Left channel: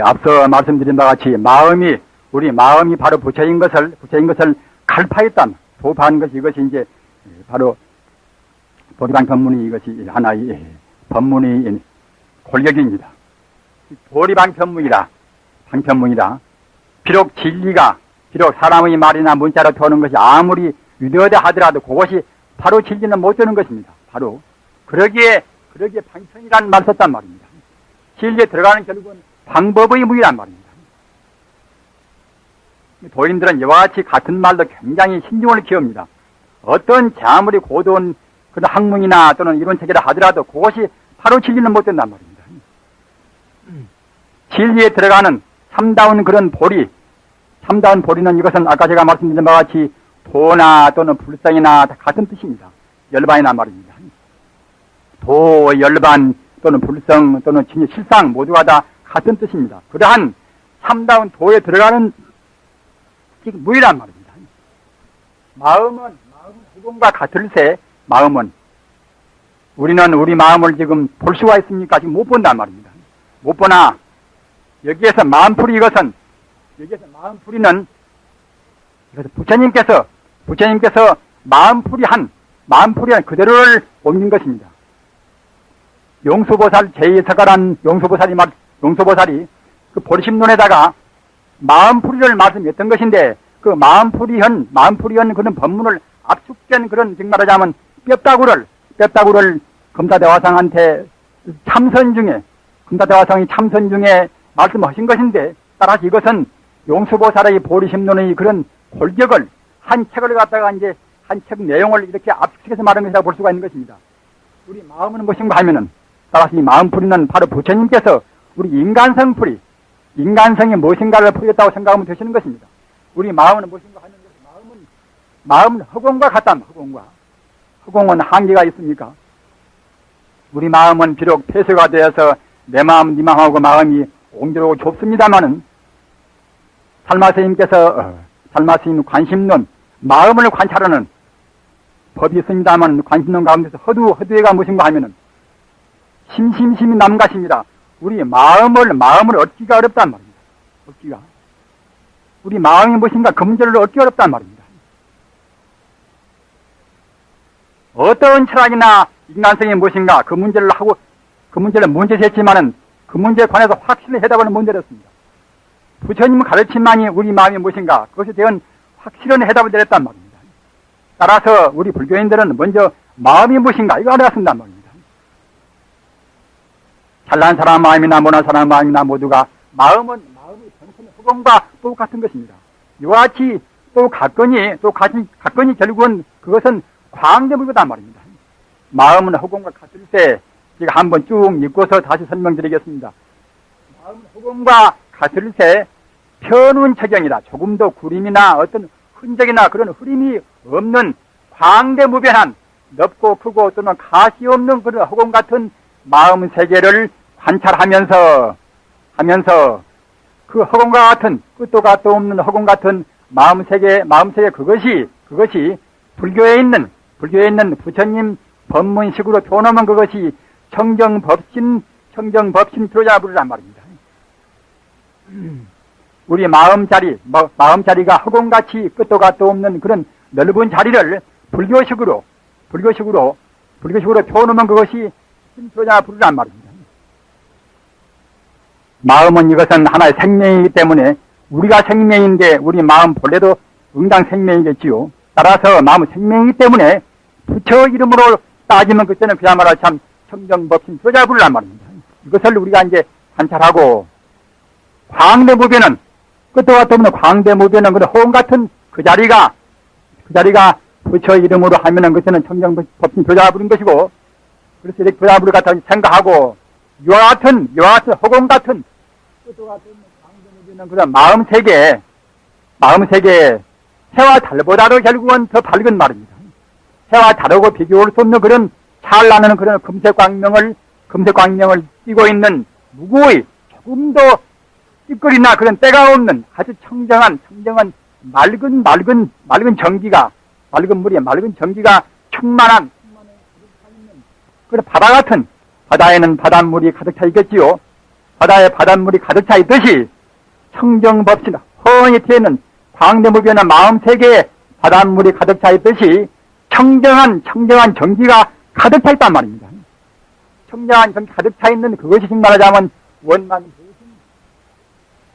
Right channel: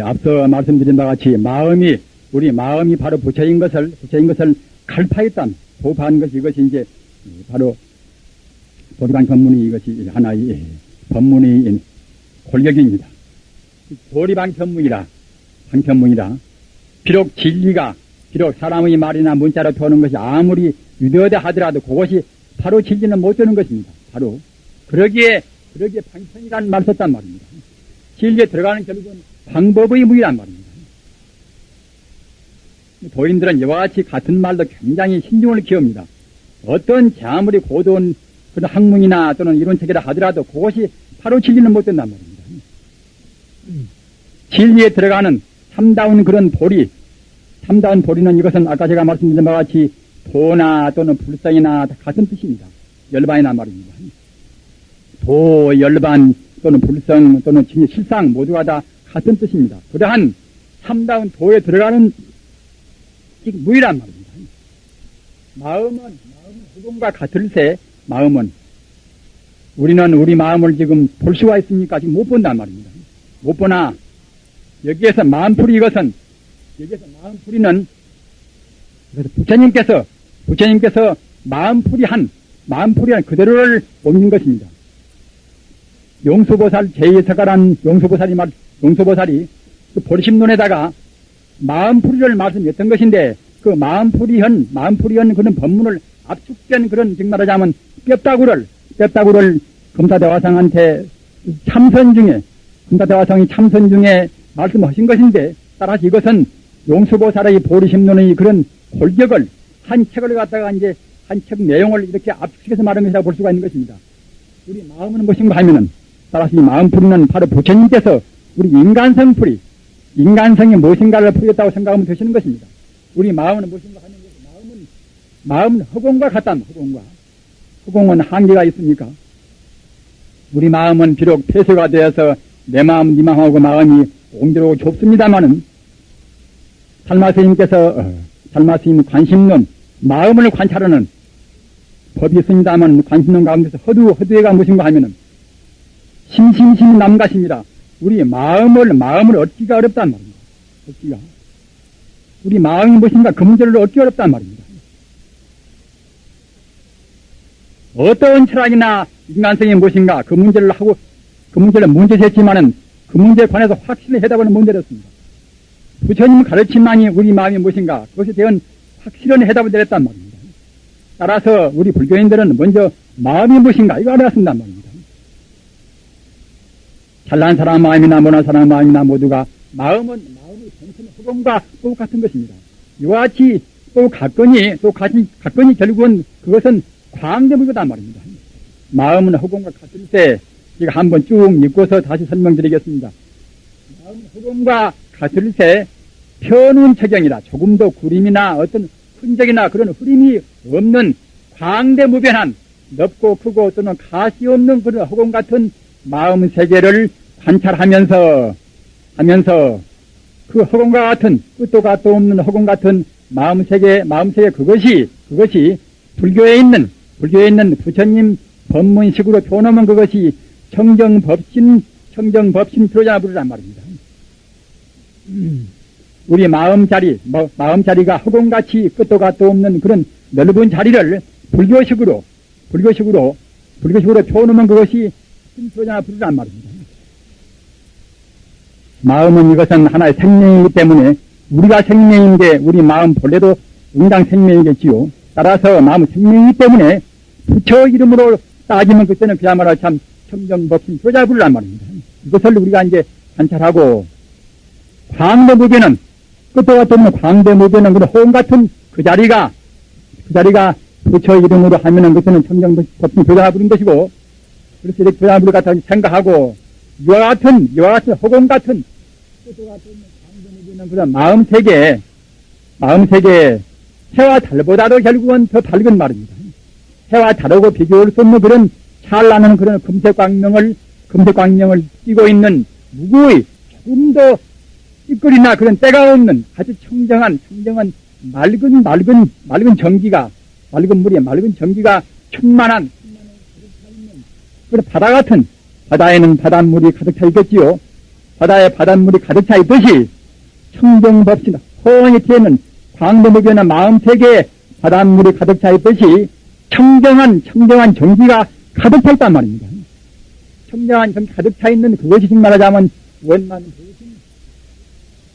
앞서 말씀드린 바와 같이 우리 마음이 바로 부처인 것을 갈파했단, 도파한 것이 이것이 이제 바로 도리방 법문이 이것이 하나의 법문의 권력입니다. 도리방 방편문이라 비록 진리가 비록 사람의 말이나 문자로 도는 것이 아무리 유대하다 하더라도 그것이 바로 진리는 못 되는 것입니다. 바로 그러기에 방편이라는 말 썼단 말입니다. 진리에 들어가는 결국은 방법의 무이란 말입니다. 도인들은 이와 같이 같은 말도 굉장히 신중을 기합니다. 어떤 아무리 고도한 그런 학문이나 또는 이론책이라 하더라도 그것이 바로 진리는 못 된단 말입니다. 진리에 들어가는 참다운 그런 참다운 보리는 이것은 아까 제가 말씀드린 바와 같이 도나 또는 불상이나 다 같은 뜻입니다. 열반이란 말입니다. 도, 열반 또는 불성 또는 실상 모두가 다 같은 뜻입니다. 그러한 참다운 도에 들어가는 무이란 말입니다. 마음은 후공과 같을세 우리는 우리 마음을 지금 볼 수가 있습니까? 지금 못 본단 말입니다. 못 보나 여기에서 마음풀이는 그래서 부처님께서 마음풀이한 그대로를 옮긴 것입니다. 용수보살 제2서가란 용수보살이 그 보리심론에다가 마음풀이를 말씀했던 것인데 그 마음풀이한 그런 법문을 압축된 그런 즉 말하자면 뼈다구를 금사대화상한테 금사대화상이 참선 중에 말씀하신 것인데 따라서 이것은 용수보살의 보리심론의 그런 골격을 한 책을 갖다가 이제 한 책 내용을 이렇게 압축해서 말한 것이라고 볼 수가 있는 것입니다. 우리 마음은 무엇인가 하면은 따라서 이 마음풀이는 바로 부처님께서 우리 인간성이 무엇인가를 풀겠다고 생각하면 되시는 것입니다. 우리 마음은 무엇인가 하는 것은 마음은 허공과 같단 허공은 한계가 있습니까? 우리 마음은 비록 폐쇄가 되어서 내 마음, 네 마음하고 마음이 옹대로고 좁습니다마는 달마스님 관심론, 마음을 관찰하는 법이 있습니다만 관심론 가운데서 허두애가 무엇인가 하면은 심심심 남가십니다. 우리 마음을 얻기가 어렵단 말입니다. 우리 마음이 무엇인가 그 문제를 얻기 어렵단 말입니다. 어떤 철학이나 인간성이 무엇인가 그 문제를 문제제했지만은 그 문제에 관해서 확실히 해답을 못 내렸습니다. 부처님은 가르침만이 우리 마음이 무엇인가 그것에 대한 확실한 해답을 내렸단 말입니다. 따라서 우리 불교인들은 먼저 마음이 무엇인가 이거 알아야 쓴단 말입니다. 잘난 사람 마음이나 못난 사람 마음이나 모두가 마음의 정신의 허공과 똑같은 것입니다. 이와 같이 또 가건이 결국은 그것은 광대물이단 말입니다. 마음은 허공과 같을 때 이거 한번 쭉 읽고서 다시 설명드리겠습니다. 마음은 허공과 같을 때 편운 처경이라 조금도 구림이나 어떤 흔적이나 그런 흐림이 없는 광대무변한 넓고 크고 또는 가시 없는 그런 허공 같은 마음 세계를 관찰하면서 그 허공과 같은 끝도 갓도 없는 허공 같은 마음 세계 그것이 불교에 있는 부처님 법문식으로 표현하면 그것이 청정법신 들어자부르란 말입니다. 우리 마음자리가 허공같이 끝도 갓도 없는 그런 넓은 자리를 불교식으로 표현하면 그것이 들어자부르란 말입니다. 마음은 이것은 하나의 생명이기 때문에 우리가 생명인데 우리 마음 본래도 응당 생명이겠지요. 따라서 마음은 생명이기 때문에 부처 이름으로 따지면 그때는 그야말로 참 청정법신 들어자부르란 말입니다. 이것을 우리가 이제 관찰하고 광대무변은 끝도 갓도 없는 광대무변은 그런 허공 같은 그 자리가 부처 이름으로 하면은 그때는 청정법신 들어자부른 것이고 그래서 이렇게 들어자부를 갖다 생각하고 이와 같은 허공 같은 끝도 갓도 없는 광대무변은 그런 마음 세계 해와 달보다도 결국은 더 밝은 말입니다. 해와 달하고 비교할 수 없는 그런 찬란한 그런 금색광명을 띠고 있는 누구의 조금도 띠거리나 그런 때가 없는 아주 청정한 맑은 전기가 맑은 물에 맑은 전기가 충만한 그런 바다에는 바닷물이 가득 차 있겠지요. 바다에 바닷물이 가득 차 있듯이 청정법실 허허히 트이는 광대무변의 마음세계에 바닷물이 가득 차 있듯이 청정한 정기가 가득 차 있단 말입니다. 청정한 정기 가득 차 있는 그것이 즉 말하자면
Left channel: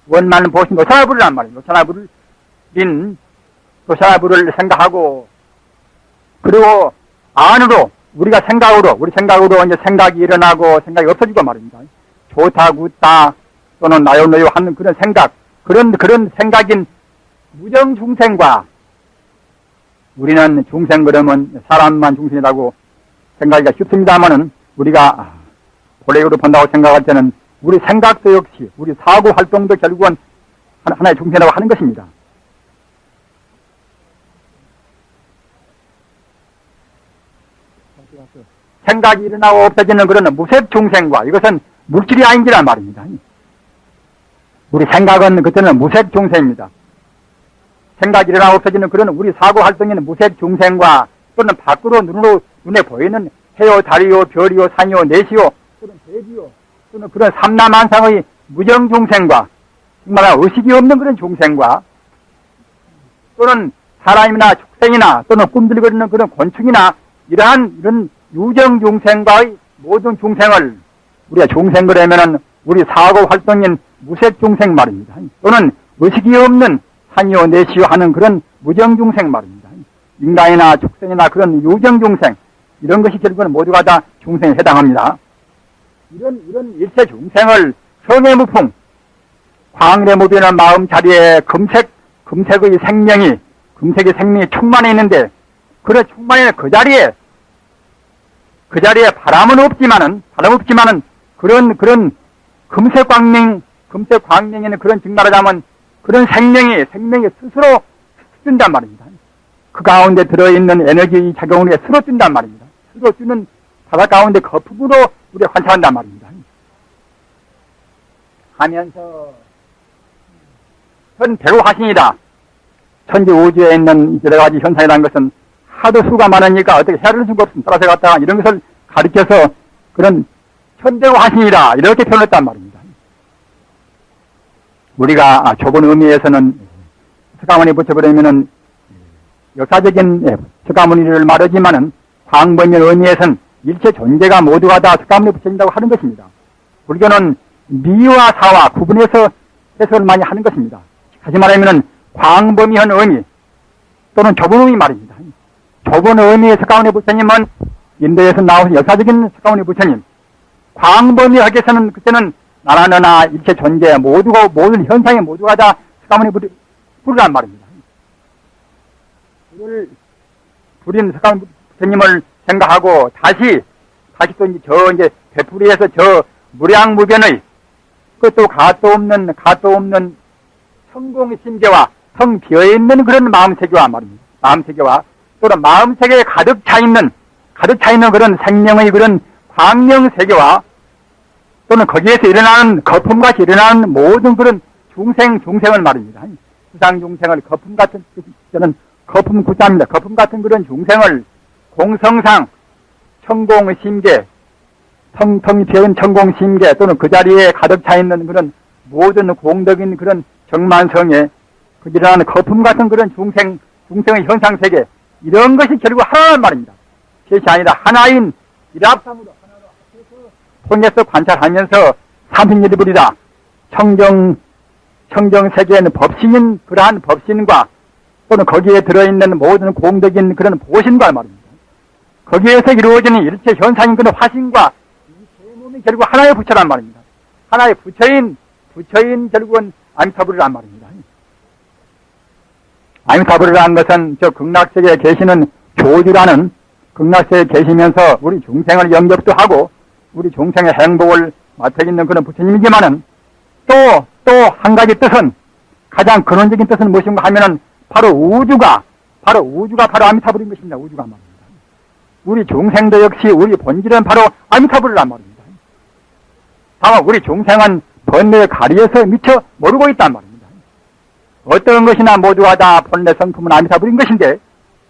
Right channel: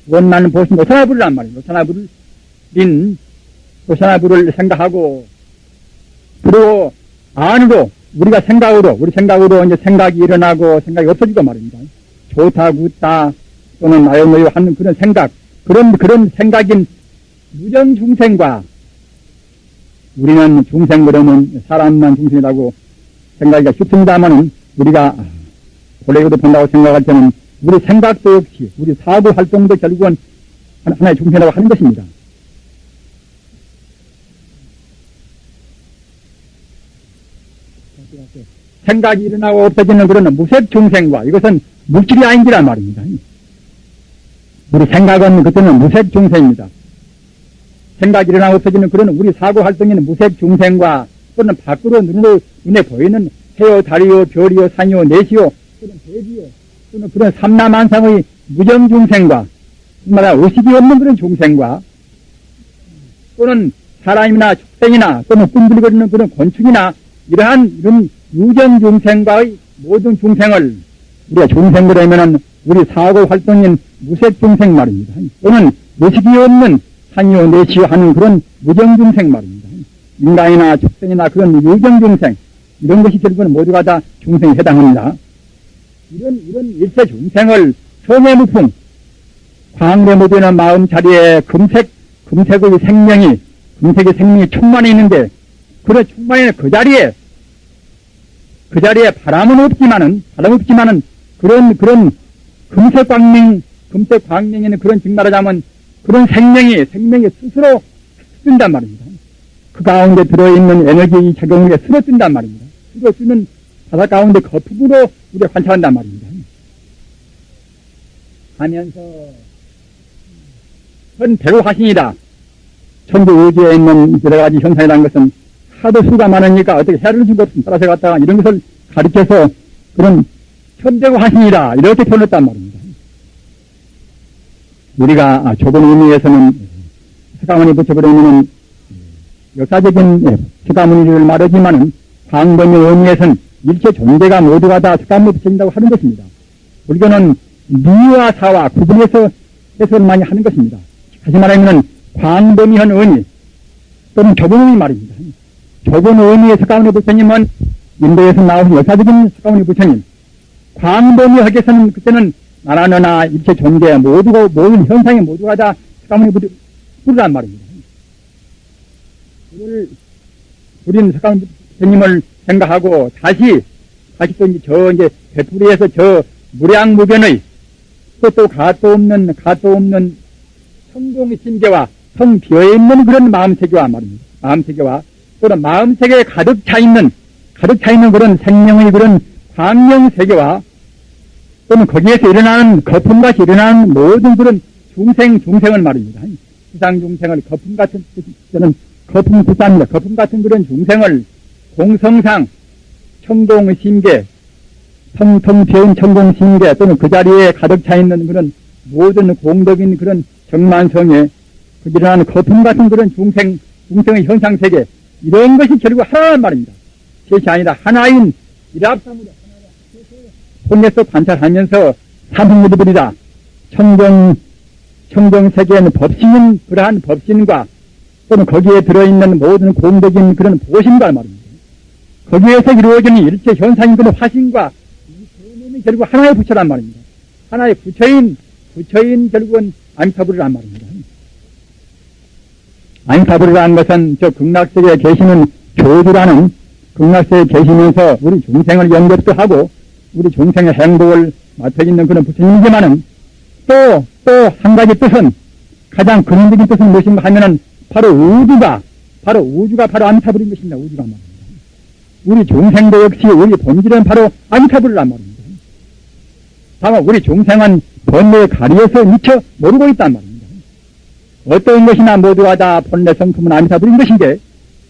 원만은 보신 노사나불이란 말이에요. 노사나불을 생각하고 그리고 안으로 우리 생각으로 이제 생각이 일어나고 생각이 없어지고 말입니다. 좋다 굿다 또는 나요노요 하는 그런 생각 그런 생각인 무정 중생과 우리는 중생 그러면 사람만 중생이라고 생각하기가 쉽습니다만은 우리가 본래로 본다고 생각할 때는 우리 생각도 역시 우리 사고 활동도 결국은 하나의 중생이라고 하는 것입니다. 생각이 일어나고 없어지는 그런 무색 중생과 이것은 물질이 아닌지란 말입니다. 우리 생각은 그때는 무색 중생입니다. 생각이 일어나고 없어지는 그런 우리 사고 활동에는 무색 중생과 또는 밖으로 눈에 보이는 해요, 달이요, 별이요, 산이요, 내시요, 또는 대지요, 또는 그런 삼라만상의 무정 중생과 정말 의식이 없는 그런 중생과 또는 사람이나 축생이나 또는 꿈들거리는 그런 곤충이나 이런 유정 중생과의 모든 중생을 우리가 중생을 하면은 우리 사고 활동인 무색 중생 말입니다. 또는 의식이 없는 산이요 내시요 하는 그런 무정 중생 말입니다. 인간이나 축생이나 그런 유정 중생 이런 것이 결국은 모두가 다 중생에 해당합니다. 이런 일체 중생을 성애무풍 광래무변의 마음 자리에 금색의 생명이 충만해 있는데 그런 충만해 그 자리에 바람은 없지만은 그런 금색 광명에는 그런 증말하자면 그런 생명이 스스로 뜬단 말입니다. 그 가운데 들어있는 에너지 작용에 스스로 뜬단 말입니다. 스스로 뜨는 바다 가운데 거품으로 우리가 관찰한단 말입니다. 하면서 전 배우 하신이다. 천지 우주에 있는 여러 가지 현상이라는 것은 하도 수가 많으니까 어떻게 해를 주고 없으면 따라서 갔다가 이런 것을 가르쳐서 그런 천재우 하신이다. 이렇게 표현했단 말입니다. 우리가 좁은 의미에서는 서가모니 붙여버리면은 역사적인 서가모니를 말하지만은 광범위 의미에서는 일체 존재가 모두가 다 서가모니 붙여진다고 하는 것입니다. 불교는 미와 사와 구분해서 해석을 많이 하는 것입니다. 다시 말하면은 광범위한 의미 또는 좁은 의미 말입니다. 좁은 의미의 서가모니 부처님은 인도에서 나오신 역사적인 서가모니 부처님 광범위하게서는 그때는 나라나 일체 존재 모든 현상이 모두가 다 서가모니 부르란 말입니다. 오늘 부린 서가모니 부처님을 생각하고 다시 또 이제 되풀이해서 저 무량무변의 그것도 가도 없는 성공심계와 텅 비어있는 그런 마음세계와 말입니다. 마음세계와 또는 마음세계에 가득 차 있는 그런 생명의 그런 광명세계와 또는 거기에서 일어나는 거품같이 일어나는 모든 그런 중생을 말입니다. 지상중생을 거품 같은 구자입니다. 거품 같은 그런 중생을 공성상 천공심계 텅텅 비어있는 천공심계 또는 그 자리에 가득 차 있는 그런 모든 공덕인 그런 정만성에 그 일어나는 거품 같은 그런 중생의 현상세계 이런 것이 결국 하나란 말입니다. 그것이 아니라 하나인 일합삼으로 통해서 관찰하면서 사등일이버리다 청정세계에는 법신인 그러한 법신과 또는 거기에 들어있는 모든 공덕인 그런 보신과 말입니다. 거기에서 이루어지는 일체 현상인 그런 화신과 이 몸이 결국 하나의 부처란 말입니다. 하나의 부처인 결국은 아미타불이란 말입니다. 아미타불이라는 것은 저 극락세계에 계시는 교주라는 극락세계에 계시면서 우리 중생을 영접도 하고 우리 중생의 행복을 맡아있는 그런 부처님이지만은 또 한 가지 뜻은 가장 근원적인 뜻은 무엇인가 하면은 바로 우주가 바로 아미타불인 것입니다. 우주가 말입니다. 우리 중생도 역시 우리 본질은 바로 아미타불이란 말입니다. 다만 우리 중생은 본래의 가리에서 미처 모르고 있단 말입니다. 어떤 것이나 모두가 다 본래 성품은 아미타불인 것인데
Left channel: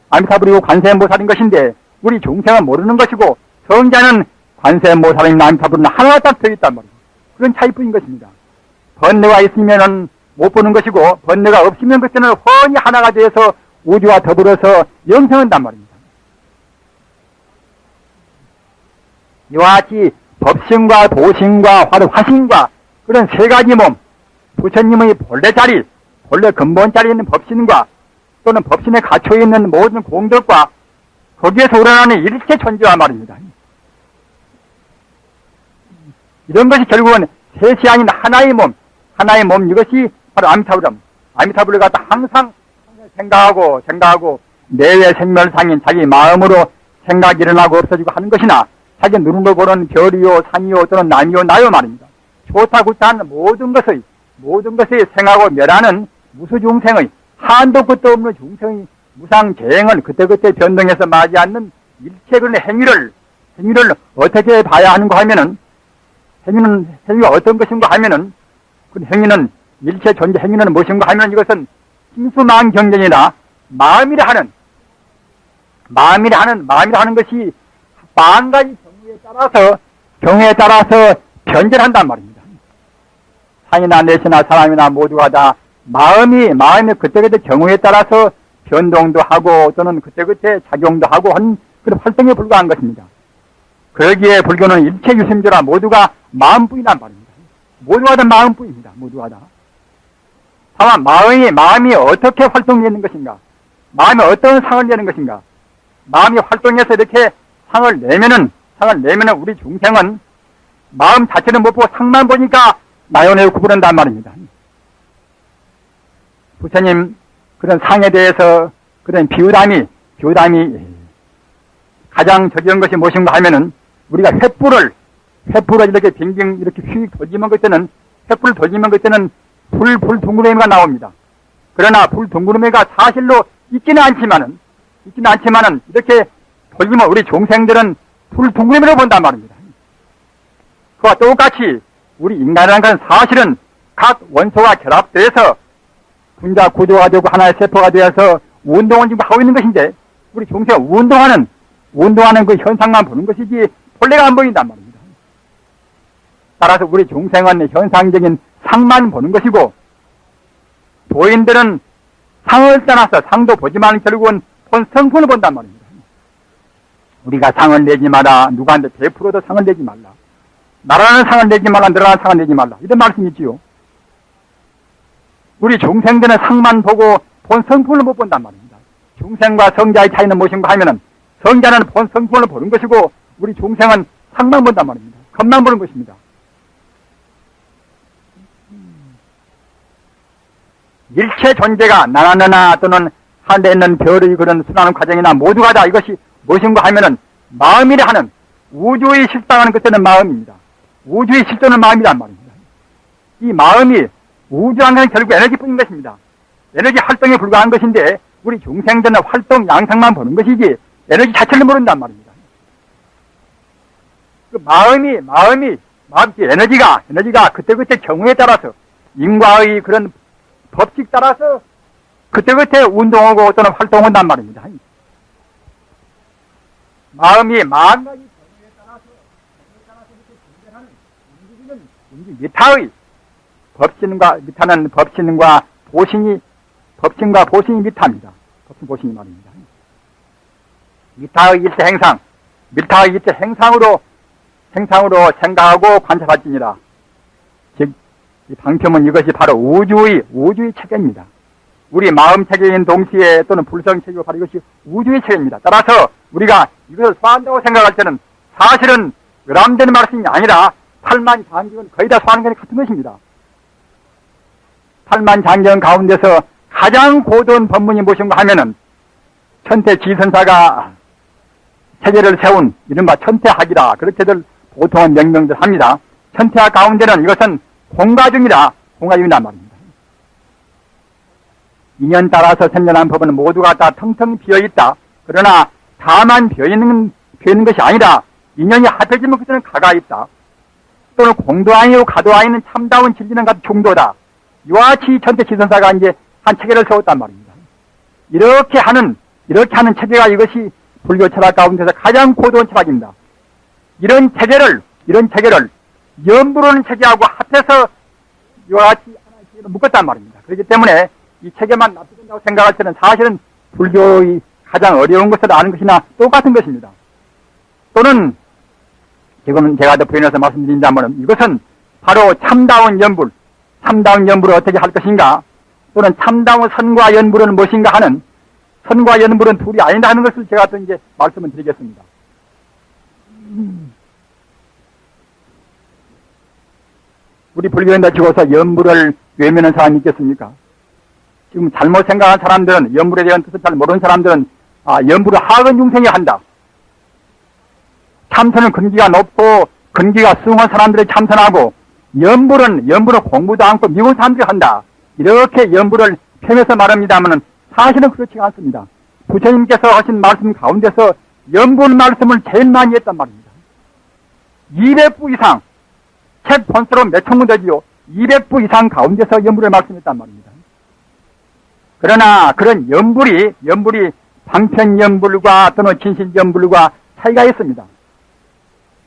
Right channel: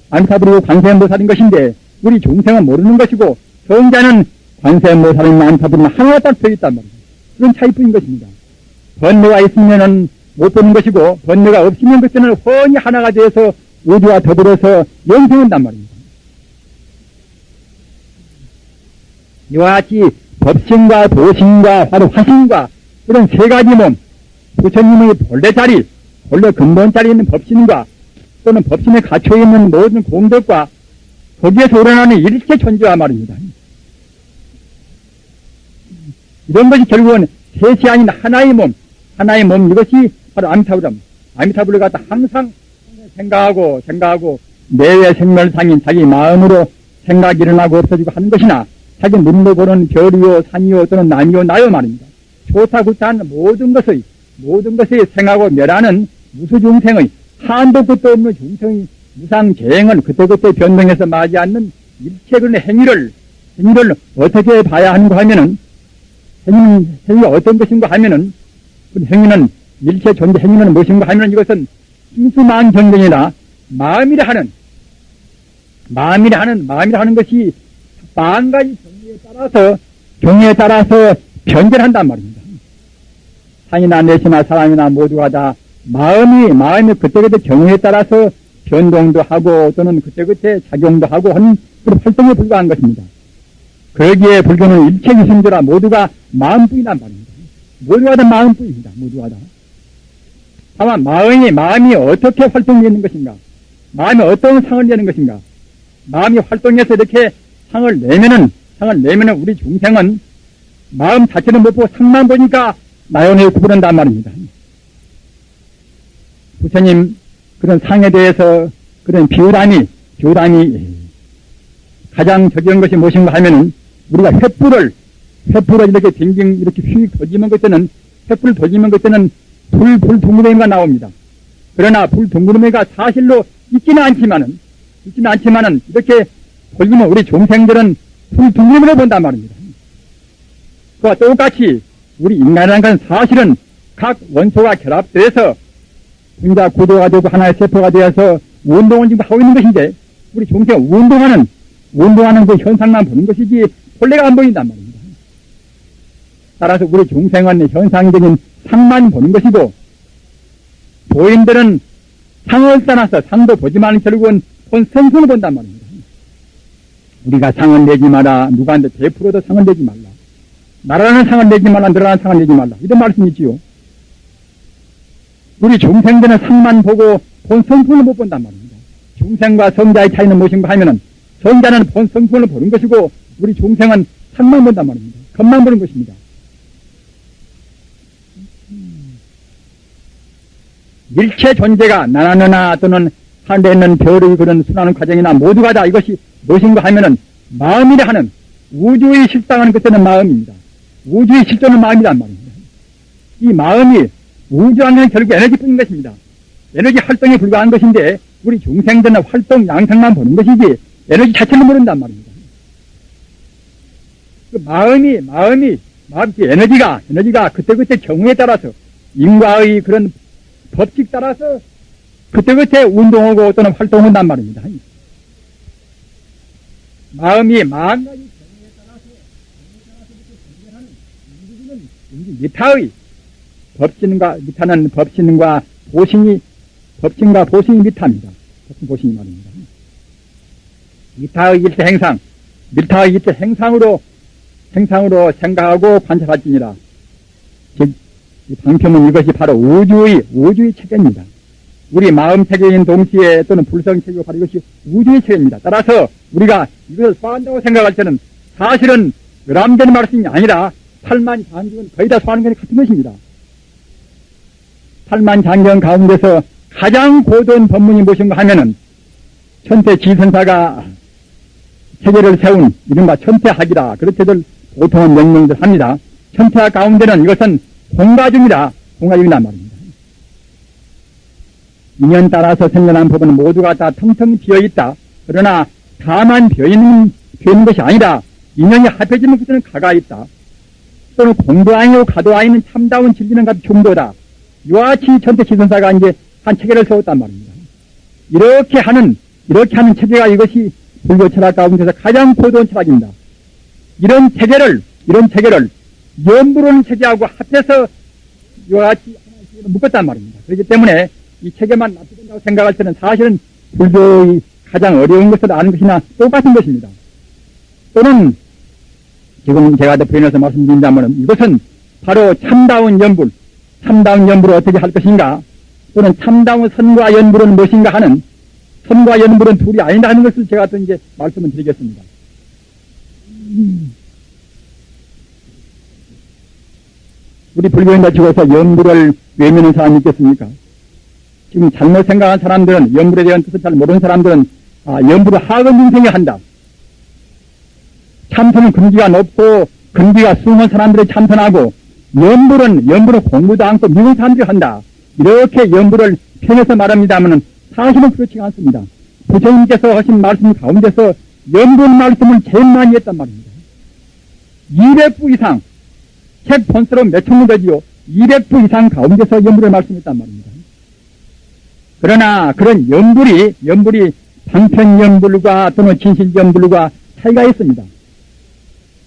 아미타불이고 관세음보살인 것인데 우리 중생은 모르는 것이고 성자는 관세음보살인 아미타불은 하나가 딱 되어 있단 말입니다. 그런 차이뿐인 것입니다. 번뇌가 있으면은 못 보는 것이고 번뇌가 없으면 그때는 훤히 하나가 되어서 우주와 더불어서 영생한단 말입니다. 이와 같이 법신과 도신과 화신과 그런 세 가지 몸, 부처님의 본래 자리, 본래 근본 자리에 있는 법신과 또는 법신에 갇혀 있는 모든 공덕과 거기에서 우러나는 일체 존재와 말입니다. 이런 것이 결국은 셋이 아닌 하나의 몸 이것이 바로 아미타불을 갖다 항상 생각하고 내외 생멸상인 자기 마음으로 생각이 일어나고 없어지고 하는 것이나 자기 눈으로 보는 별이요 산이요 또는 남이요 나요 말입니다. 좋다 좋다 하는 모든 것의 생하고 멸하는 무수중생의 한도 끝도 없는 중생의 무상재행을 그때그때 변동해서 맞이하는 일체 그런 행위를 어떻게 봐야 하는가 하면은 행위가 어떤 것인가 하면은 그 행위는 일체 존재 행위는 무엇인가 하면은 이것은 심수망 경전이나 마음이라 하는 것이 만 가지 경우에 따라서 변절한단 말입니다. 산이나 내시나 사람이나 모두가 다 마음이 그때그때 경우에 따라서 변동도 하고 또는 그때그때 작용도 하고 하는 그런 활동에 불과한 것입니다. 그러기에 불교는 일체 유심조라 모두가 마음뿐이란 말입니다. 모두가 다 마음뿐입니다. 모두가 다. 다만 마음이 어떻게 활동되는 것인가? 마음이 어떤 상을 내는 것인가? 마음이 활동해서 이렇게 상을 내면은 우리 중생은 마음 자체는 못 보고 상만 보니까 나연을 구부른단 말입니다. 부처님 그런 상에 대해서 그런 비유담이 가장 적절한 것이 무엇인가 하면은 우리가 횃불을 이렇게 빙빙 이렇게 휙 돌리면 그때는 횃불을 돌리면 그때는 불 둥그러미가 나옵니다. 그러나 불 둥그러미가 사실로 있지는 않지만은 이렇게 돌리면 우리 중생들은 불 둥그러미를 본단 말입니다. 그와 똑같이 우리 인간이라는 건 사실은 각 원소가 결합돼서 분자 구조가 되고 하나의 세포가 되어서 운동을 지금 하고 있는 것인데 우리 중생 운동하는 그 현상만 보는 것이지 본래가 안 보인단 말입니다. 따라서 우리 중생은 현상적인 상만 보는 것이고 도인들은 상을 떠나서 상도 보지만 결국은 본 성품을 본단 말입니다. 우리가 상을 내지 마라. 누구한테 베풀어도 상을 내지 말라. 나라는 상을 내지 말라. 너라는 상을 내지 말라. 이런 말씀이 있지요. 우리 중생들은 상만 보고 본 성품을 못 본단 말입니다. 중생과 성자의 차이는 무엇인가 하면은 성자는 본 성품을 보는 것이고 우리 중생은 상만 본단 말입니다. 겉만 보는 것입니다. 일체 존재가 나나나나 또는 하늘에 있는 별의 그런 수많은 과정이나 모두가 다 이것이 무엇인가 하면은 마음이라 하는 우주의 실상하는 그때는 마음입니다. 우주의 실존은 마음이란 말입니다. 이 마음이 우주라는 건 결국 에너지뿐인 것입니다. 에너지 활동에 불과한 것인데 우리 중생들은 활동 양상만 보는 것이지 에너지 자체를 모른단 말입니다. 그 마음이 에너지가 그때그때 경우에 따라서 인과의 그런 법칙 따라서 그때그때 운동하고 또는 활동한단 말입니다. 마음이 마음 가지 경우에 따라서 움직이는 미타의 법신과 보신이 미타입니다. 보신이 말입니다. 미타의 일체 행상, 미타의 일체 행상으로 생각하고 관찰할지니라. 즉, 이 방평은 이것이 바로 우주의 체계입니다. 우리 마음 체계인 동시에 또는 불성 체계가 바로 이것이 우주의 체계입니다. 따라서 우리가 이것을 소화한다고 생각할 때는 사실은 의람되는 말씀이 아니라 팔만장경은 거의 다 소화하는 게 같은 것입니다. 팔만장경 가운데서 가장 고도한 법문이 무엇인가 하면은 천태지선사가 체계를 세운 이른바 천태학이라 그렇게들 보통은 명명들 합니다. 천태학 가운데는 이것은 공가중이란 말입니다. 인연 따라서 생겨난 법은 모두가 다 텅텅 비어있다. 그러나 다만 비어있는 것이 아니라 인연이 합해지면 그때는 가가 있다. 또는 공도 아니요 가도 아니는 참다운 진리는 같은 중도다. 이와 같이 천태지선사가 이제 한 체계를 세웠단 말입니다. 이렇게 하는 체계가 이것이 불교 철학 가운데서 가장 고도한 철학입니다. 이런 체계를 연불은 체계하고 합해서 요같이 하나씩 묶었단 말입니다. 그렇기 때문에 이 체계만 납득된다고 생각할 때는 사실은 불교의 가장 어려운 것을 아는 것이나 똑같은 것입니다. 또는 지금 제가 더 부연해서 말씀드린다면 이것은 바로 참다운 연불, 참다운 연불을 어떻게 할 것인가, 또는 참다운 선과 연불은 무엇인가 하는, 선과 연불은 둘이 아니다 하는 것을 제가 또 이제 말씀을 드리겠습니다. 우리 불교인들 적어서 연불을 외면하는 사람이 있겠습니까? 지금 잘못 생각한 사람들은, 연불에 대한 뜻을 잘 모르는 사람들은 연불을 하근 중생이 한다. 참선은 근기가 높고 근기가 숭한 사람들이 참선하고 연불은 공부도 않고 미운 사람들이 한다. 이렇게 연불을 펴면서 말합니다만 사실은 그렇지 않습니다. 부처님께서 하신 말씀 가운데서 연불 말씀을 제일 많이 했단 말입니다. 200부 이상, 책 본수로 몇 천권 되지요. 200부 이상 가운데서 연불을 말씀했단 말입니다. 그러나 그런 연불이 방편연불과 또는 진실연불과 차이가 있습니다.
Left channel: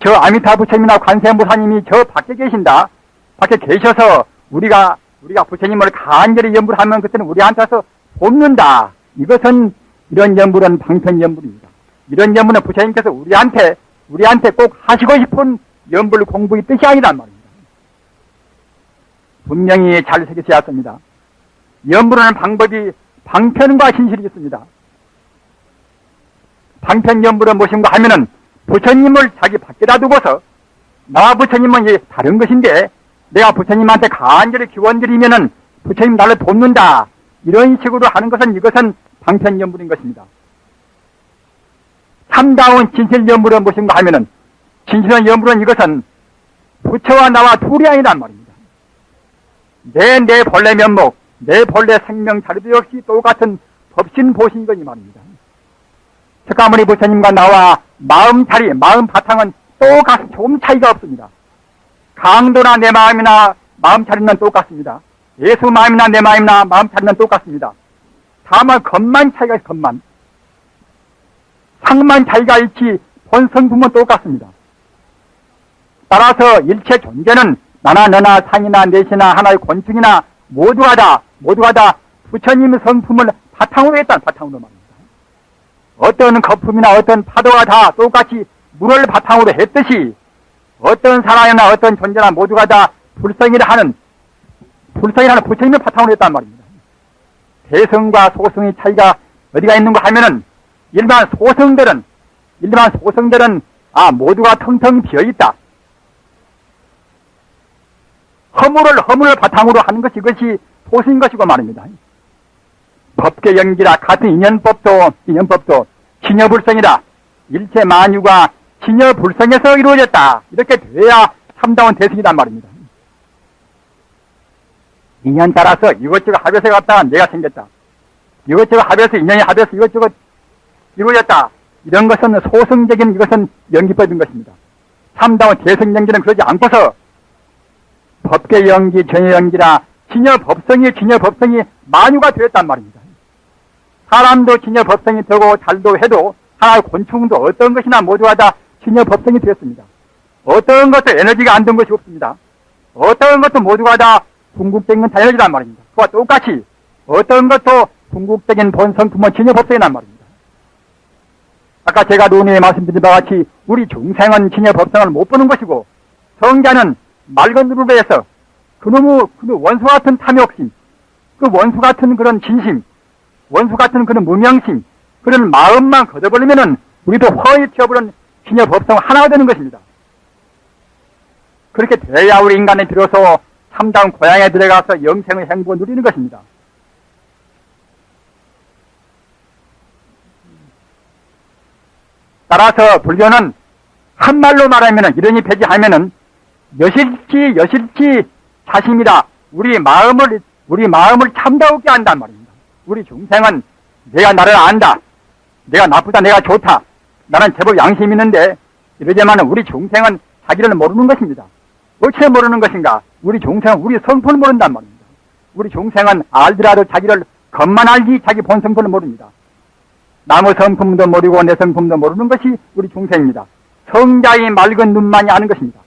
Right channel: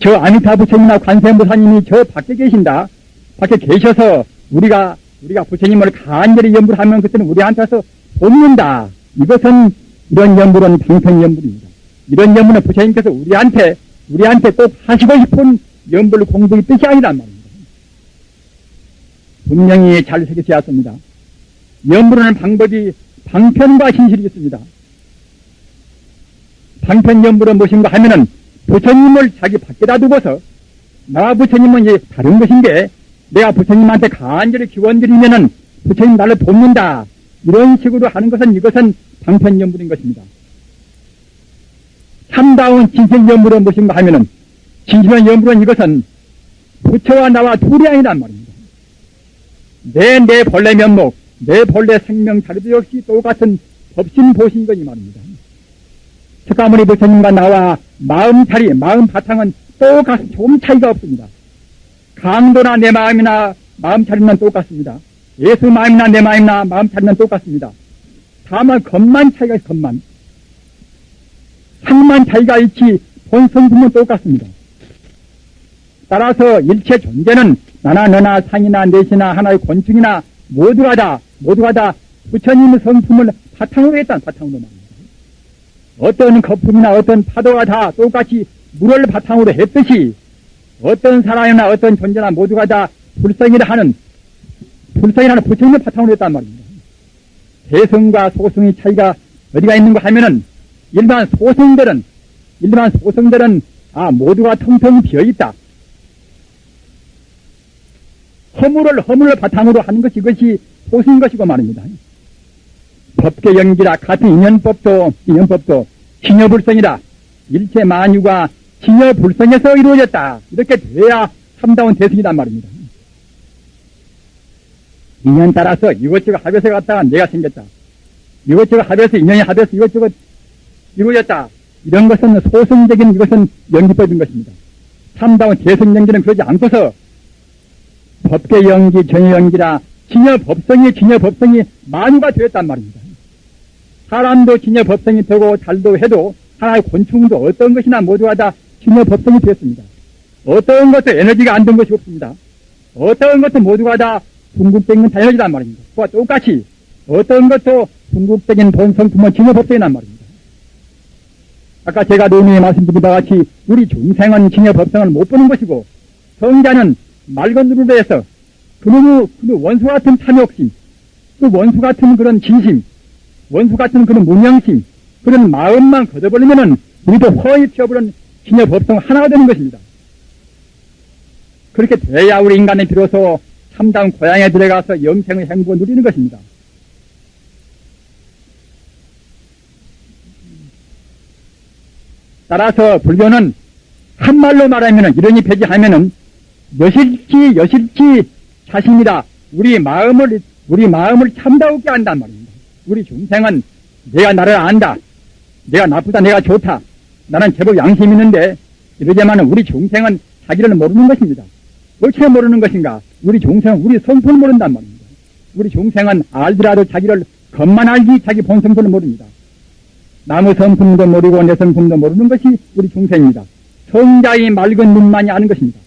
저 아미타 부처님이나 관세음보사님이 저 밖에 계신다. 밖에 계셔서 우리가 부처님을 간절히 연불하면 그때는 우리한테서 돕는다. 이것은 이런 연불은 방편연불입니다. 이런 연불은 부처님께서 우리한테 꼭 하시고 싶은 연불 공부의 뜻이 아니란 말입니다. 분명히 잘 새기셔야 합니다. 연불하는 방법이 방편과 진실이 있습니다. 방편연불은 무엇인가 하면은 부처님을 자기 밖에다 두고서 나와 부처님은 이제 다른 것인데 내가 부처님한테 간절히 기원드리면은 부처님 나를 돕는다. 이런 식으로 하는 것은 이것은 방편연불인 것입니다. 참다운 진실연불은 무엇인가 하면은 진실한 연불은 이것은 부처와 나와 둘이 아니란 말입니다. 내 본래 면목, 내 본래 생명 자리도 역시 똑같은 법신보신 것이 말입니다. 석가모니 부처님과 나와 마음 바탕은 똑같이 조금 차이가 없습니다. 강도나 내 마음이나 마음 차리는 똑같습니다. 예수 마음이나 내 마음이나 마음 차리는 똑같습니다. 다만 겉만 차이가 있어, 겉만. 상만 차이가 있지 본성품은 똑같습니다. 따라서 일체 존재는 나나 너나 상이나 넷이나 하나의 곤충이나 모두가 다 부처님 성품을 바탕으로 했단 바탕으로 말입니다. 어떤 거품이나 어떤 파도가 다 똑같이 물을 바탕으로 했듯이 어떤 사람이나 어떤 존재나 모두가 다 불성이라 하는 부처님을 바탕으로 했단 말입니다. 대성과 소성의 차이가 어디가 있는가 하면은 일반 소성들은 모두가 텅텅 비어있다. 허물을 바탕으로 하는 것이 이것이 소성인 것이고 말입니다. 법계 연기라 같은 인연법도 진여불성이라 일체 만유가 진여불성에서 이루어졌다. 이렇게 돼야 참다운 대승이란 말입니다. 인연 따라서 이것저것 합해서 갔다가 내가 생겼다. 이것저것 합해서 인연이 합해서 이것저것 이루어졌다. 이런 것은 소승적인 이것은 연기법인 것입니다. 참다운 대승 연기는 그러지 않고서 법계 연기, 정의 연기라 진여법성이 만유가 되었단 말입니다. 사람도 진여법성이 되고 잘도 해도 하나의 곤충도 어떤 것이나 모두가 다 진여법성이 되었습니다. 어떤 것도 에너지가 안 된 것이 없습니다. 어떤 것도 모두가 다 궁극적인 에너지란 말입니다. 그와 똑같이 어떤 것도 궁극적인 본성품은 진여법성이란 말입니다. 아까 제가 논의에 말씀드린 바와 같이 우리 중생은 진여법성을 못 보는 것이고 성자는 맑은 눈으로 해서 그놈의 원수 같은 탐욕심, 그 원수 같은 그런 진심, 원수 같은 그런 무명심, 그런 마음만 걷어버리면은 이것도 허위 튀어버린 진여 법성 하나가 되는 것입니다. 그렇게 돼야 우리 인간은 비로소 참다운 고향에 들어가서 영생의 행복을 누리는 것입니다. 따라서 불교는 한말로 말하면은 이러니 폐지하면은 여실치 자신이다. 우리 마음을 참다우게 한단 말입니다. 우리 중생은 내가 나를 안다. 내가 나쁘다. 내가 좋다. 나는 제법 양심이 있는데 이러지만은 우리 중생은 자기를 모르는 것입니다. 어째 모르는 것인가? 우리 중생은 우리 성품을 모른단 말입니다. 우리 중생은 알더라도 자기를 겉만 알지 자기 본성품을 모릅니다. 나무 성품도 모르고 내 성품도 모르는 것이 우리 중생입니다. 성자의 맑은 눈만이 아는 것입니다.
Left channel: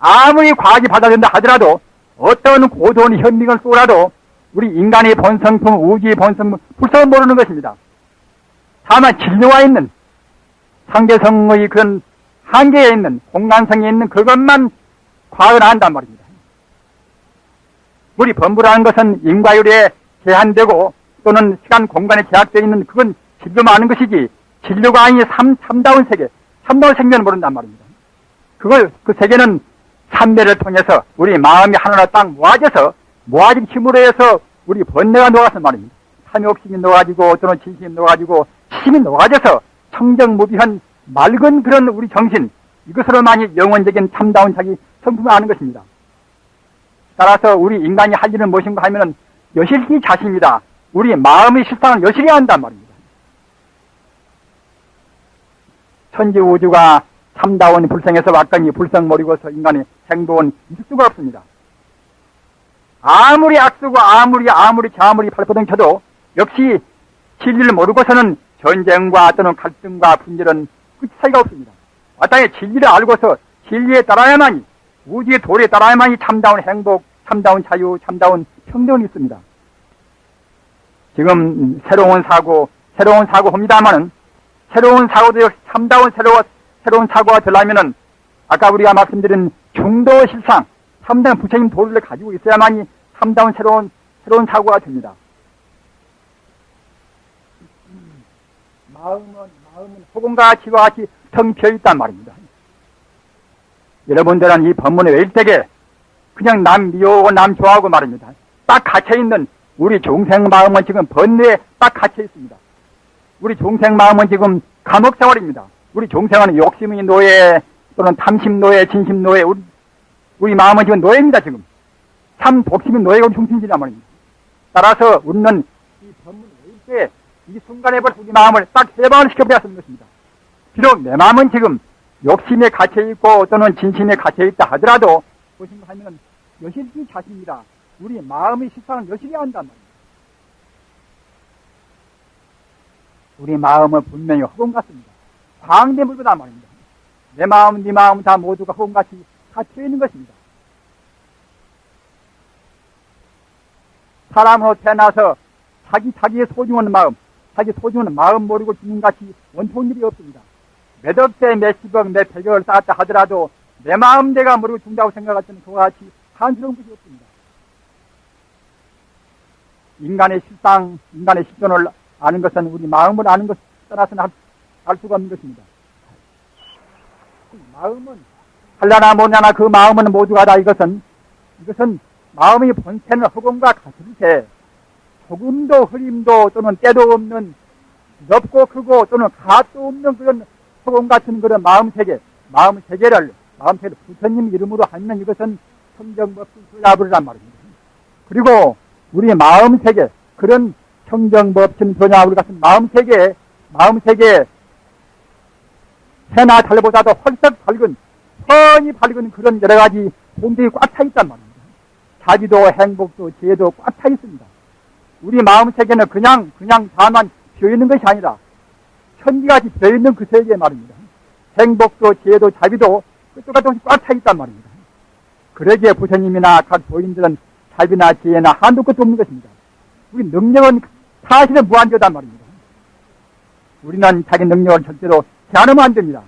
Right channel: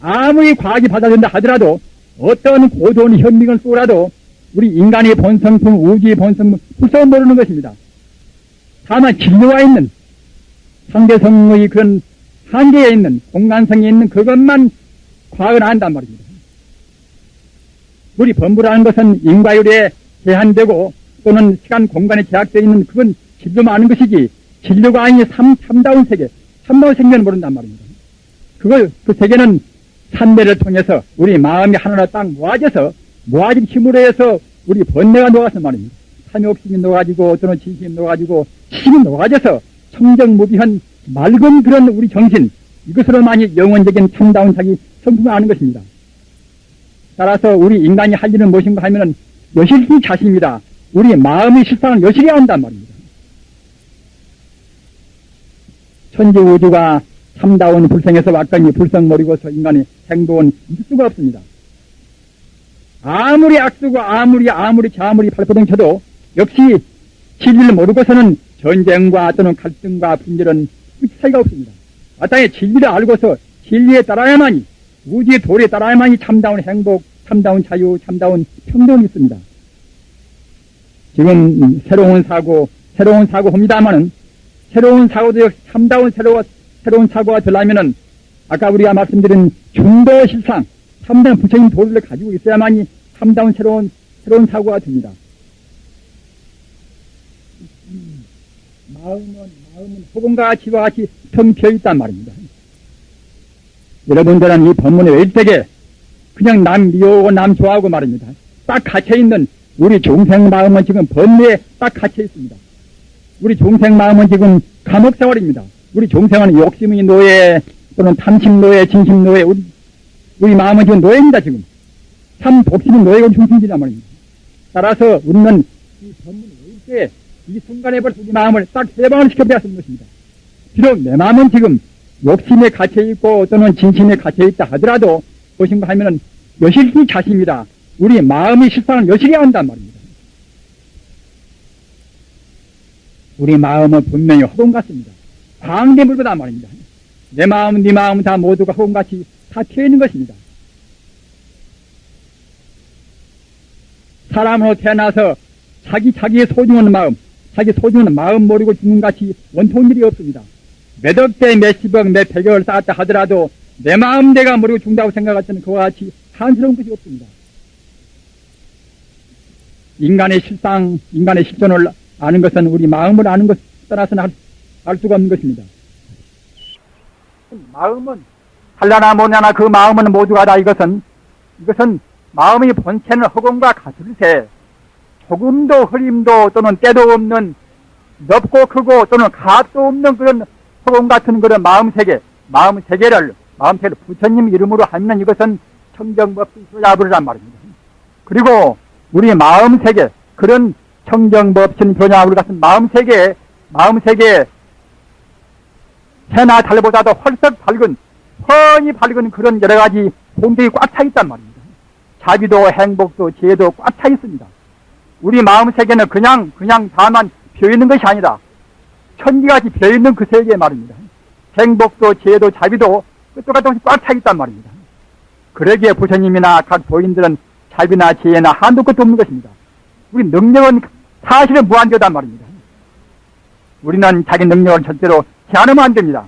아무리 과학이 받아들인다 하더라도 어떤 고도한 현미경 쏘라도 우리 인간의 본성품, 우주의 본성품 불쌍히 모르는 것입니다. 다만 진료와 있는 상대성의 그런 한계에 있는 공간성에 있는 그것만 과학을 한단 말입니다. 우리 범부라는 것은 인과율에 제한되고 또는 시간 공간에 제약되어 있는 그건 진료만 아는 것이지 진료가 아닌 참다운 세계, 참다운 생명을 모른단 말입니다. 그 세계는 삼매를 통해서 우리 마음이 하나로 딱 모아져서 모아진 힘으로 해서 우리 번뇌가 녹아서 말입니다. 탐욕심이 녹아지고 또는 진심이 녹아지고 힘이 녹아져서 청정무비한 맑은 그런 우리 정신, 이것으로만이 영원적인 참다운 자기 성품을 아는 것입니다. 따라서 우리 인간이 할 일은 무엇인가 하면은 여실히 자신입니다. 우리 마음의 실상을 여실히 한단 말입니다. 천지우주가 참다운 불성에서 왔더니 불성 모르고서 인간의 행복은 있을 수가 없습니다. 아무리 악쓰고 아무리 발포등 쳐도 역시 진리를 모르고서는 전쟁과 또는 갈등과 분열은 끝이 사이가 없습니다. 마땅히 진리를 알고서 진리에 따라야만이 우주의 도리에 따라야만이 참다운 행복, 참다운 자유, 참다운 평등이 있습니다. 지금 새로운 사고 합니다만은 새로운 사고도 역시 참다운 새로운 사고가 되려면은 아까 우리가 말씀드린 중도 실상, 참다운 부처님 도리를 가지고 있어야만이 참다운 새로운 사고가 됩니다. 마음은 소금과 치와 같이 텅 비어 있단 말입니다. 여러분들은 이 법문에 일대게 그냥 남 미워하고 남 좋아하고 말입니다. 딱 갇혀있는 우리 중생 마음은 지금 번뇌에 딱 갇혀 있습니다. 우리 중생 마음은 지금 감옥 세월입니다. 우리 중생은 욕심의 노예 또는 탐심 노예, 진심 노예, 우리 마음은 지금 노예입니다. 지금 참 독심의 노예고 중심이란 말입니다. 따라서 우리는 이 법문을 읽을 때 이 순간에 벌써 우리 마음을 딱 해방을 시켜버려야 하는 것입니다. 비록 내 마음은 지금 욕심에 갇혀있고 또는 진심에 갇혀있다 하더라도 무엇인가 하면은 여실히 자신입니다. 우리 마음의 실상을 여실히 한단 말입니다. 우리 마음은 분명히 허공 같습니다. 광대물보다 말입니다. 내 마음, 네 마음 다 모두가 허공같이 다 튀어있는 것입니다. 사람으로 태어나서 자기의 소중한 마음 모르고 죽는 같이 원통한 일이 없습니다. 몇 억대, 몇십억, 몇 백억을 쌓았다 하더라도 내 마음 내가 모르고 죽는다고 생각할 때는 그와 같이 한스러운 것이 없습니다. 인간의 실존을 아는 것은 우리 마음을 아는 것 따라서는 할 수가 없는 것입니다. 마음은 할라나 뭐냐나 그 마음은 모두가 다 이것은 마음의 본체는 허공과 같을세 조금도 흐림도 또는 때도 없는 넓고 크고 또는 값도 없는 그런 허공 같은 그런 마음세계를 부처님 이름으로 하면 이것은 청정법신 교자부르란 말입니다. 그리고 우리 마음세계 그런 청정법신 교자부르 같은 마음세계 해나 달보다도 헐썩 밝은 훤히 밝은 그런 여러가지 공덕이 꽉 차 있단 말입니다. 자비도 행복도 지혜도 꽉 차 있습니다. 우리 마음세계는 그냥 다만 비어있는 것이 아니라 천지같이 비어있는 그 세계 말입니다. 행복도 지혜도 자비도 끝도 같은 것이 꽉 차 있단 말입니다. 그러기에 부처님이나 각 도인들은 자비나 지혜나 한도 끝도 없는 것입니다. 우리 능력은 사실은 무한대단 말입니다. 우리는 자기 능력을 절대로 제한하면 안 됩니다.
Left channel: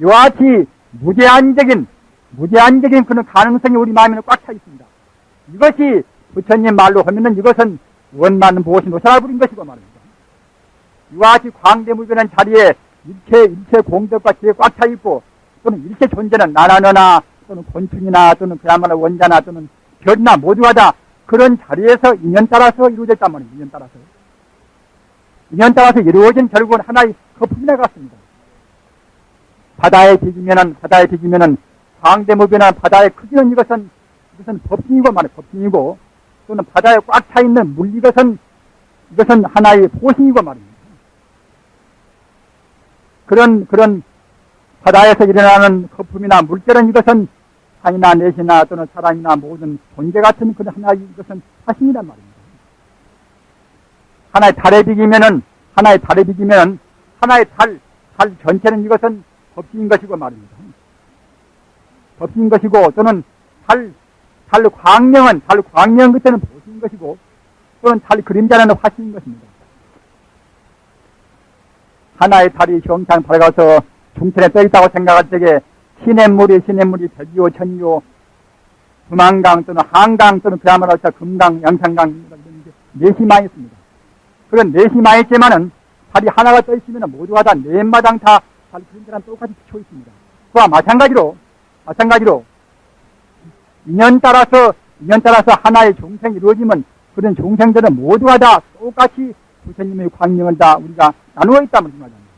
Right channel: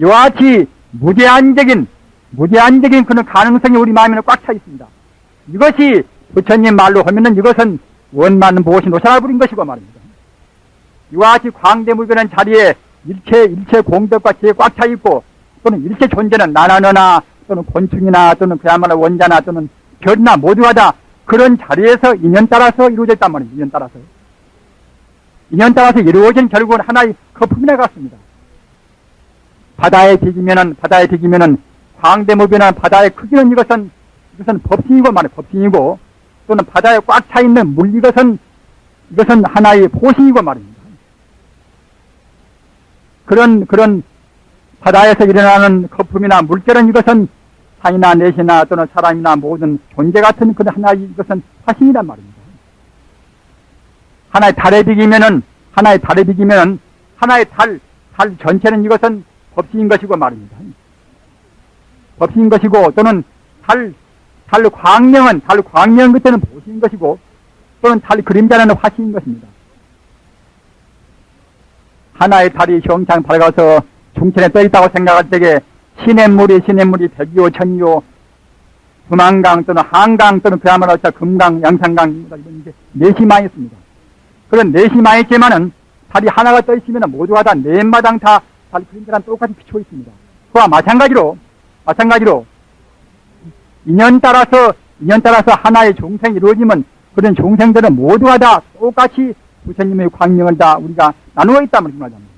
이와 같이 무제한적인 그런 가능성이 우리 마음에는 꽉 차 있습니다. 이것이 부처님 말로 하면은 이것은 원만 무엇이 노샤를 부린 것이고 말입니다. 이와 같이 광대무변한 자리에 일체 공덕과 지혜 꽉 차 있고 또는 일체 존재는 나나 너나 또는 곤충이나 또는 그야말로 원자나 또는 별이나 모두가 다 그런 자리에서 인연 따라서 이루어져 있단 말입니다. 인연 따라서 이루어진 결국은 하나의 거품이나 같습니다. 바다에 뒤지면은 광대무변한 바다의 크기는 이것은 법신이고 말이에요. 법신이고 또는 바다에 꽉 차 있는 물 이것은 하나의 보신이고 말입니다. 그런 바다에서 일어나는 거품이나 물결은 이것은 산이나 내시나 또는 사람이나 모든 존재 같은 그런 하나의 이것은 화신이란 말입니다. 하나의 달에 비기면은 하나의 달 전체는 이것은 법칙인 것이고 말입니다. 법칙인 것이고 또는 달 광명 그때는 보시인 것이고 또는 달 그림자는 화시인 것입니다. 하나의 달이 형창 밝아서 중천에 떠있다고 생각할 때에 시냇물이 백이요 천이요 금한강 또는 한강 또는 그야말로 금강 양산강 이런 게 넷이 많이 있습니다. 그런 넷이 많이 있지만은 달이 하나가 떠있으면 모두가 다 넷마당 다 달 그림자랑 똑같이 비추어 있습니다. 그와 마찬가지로 인연 따라서 하나의 종생이 이루어지면 그런 종생들은 모두가 다 똑같이 부처님의 광명을 다 우리가 나누어 있다는 말입니다.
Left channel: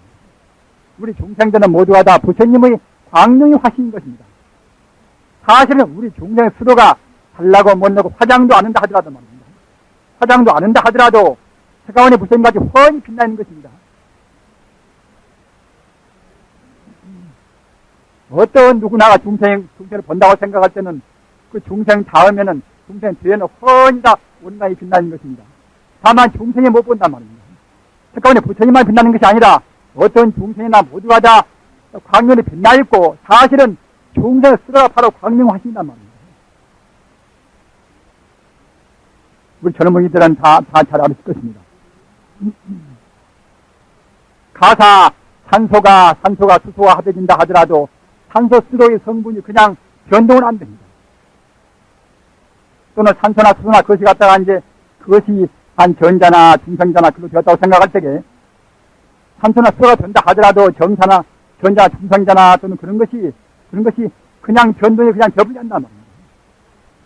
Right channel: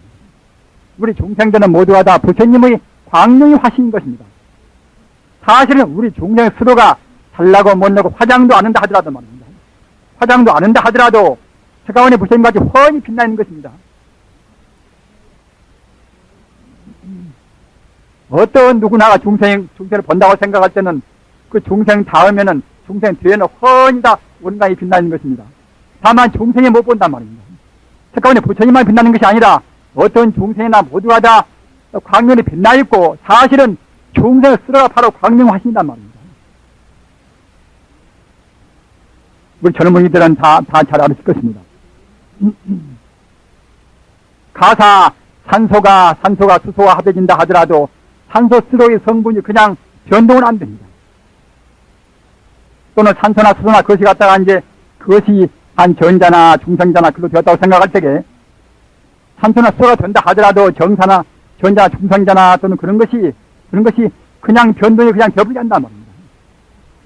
우리 종생들은 모두가 다 부처님의 광명이 화신인 것입니다. 사실은 우리 종생 스스로가 잘나고 못나고 화장도 안 한다 하더라도 말입니다. 화장도 안 한다 하더라도 세가원의 부처님같이 훤히 빛나 있는 것입니다. 어떤 누구나가 중생을 본다고 생각할 때는 그 중생 다음에는 중생 뒤에는 훤히 다 온갖이 빛나 있는 것입니다. 다만 중생이 못 본단 말입니다. 세가원의 부처님만 빛나는 것이 아니라 어떤 중생이나 모두가 다 광명이 빛나 있고 사실은 중생 스스로가 바로 광명 화신이란 말입니다. 우리 젊은이들은 다 잘 알았을 것입니다. 가사 산소가 수소와 합해진다 하더라도 산소 스스로의 성분이 그냥 변동은 안 됩니다. 또는 산소나 수소나 그것이 갖다가 이제 그것이 한 전자나 중성자나 그로 되었다고 생각할 때에 산소나 수소가 된다 하더라도 정사나 전자나 중성자나 또는 그런 것이 그냥 변동이 그냥 되버리지 않단 말입니다.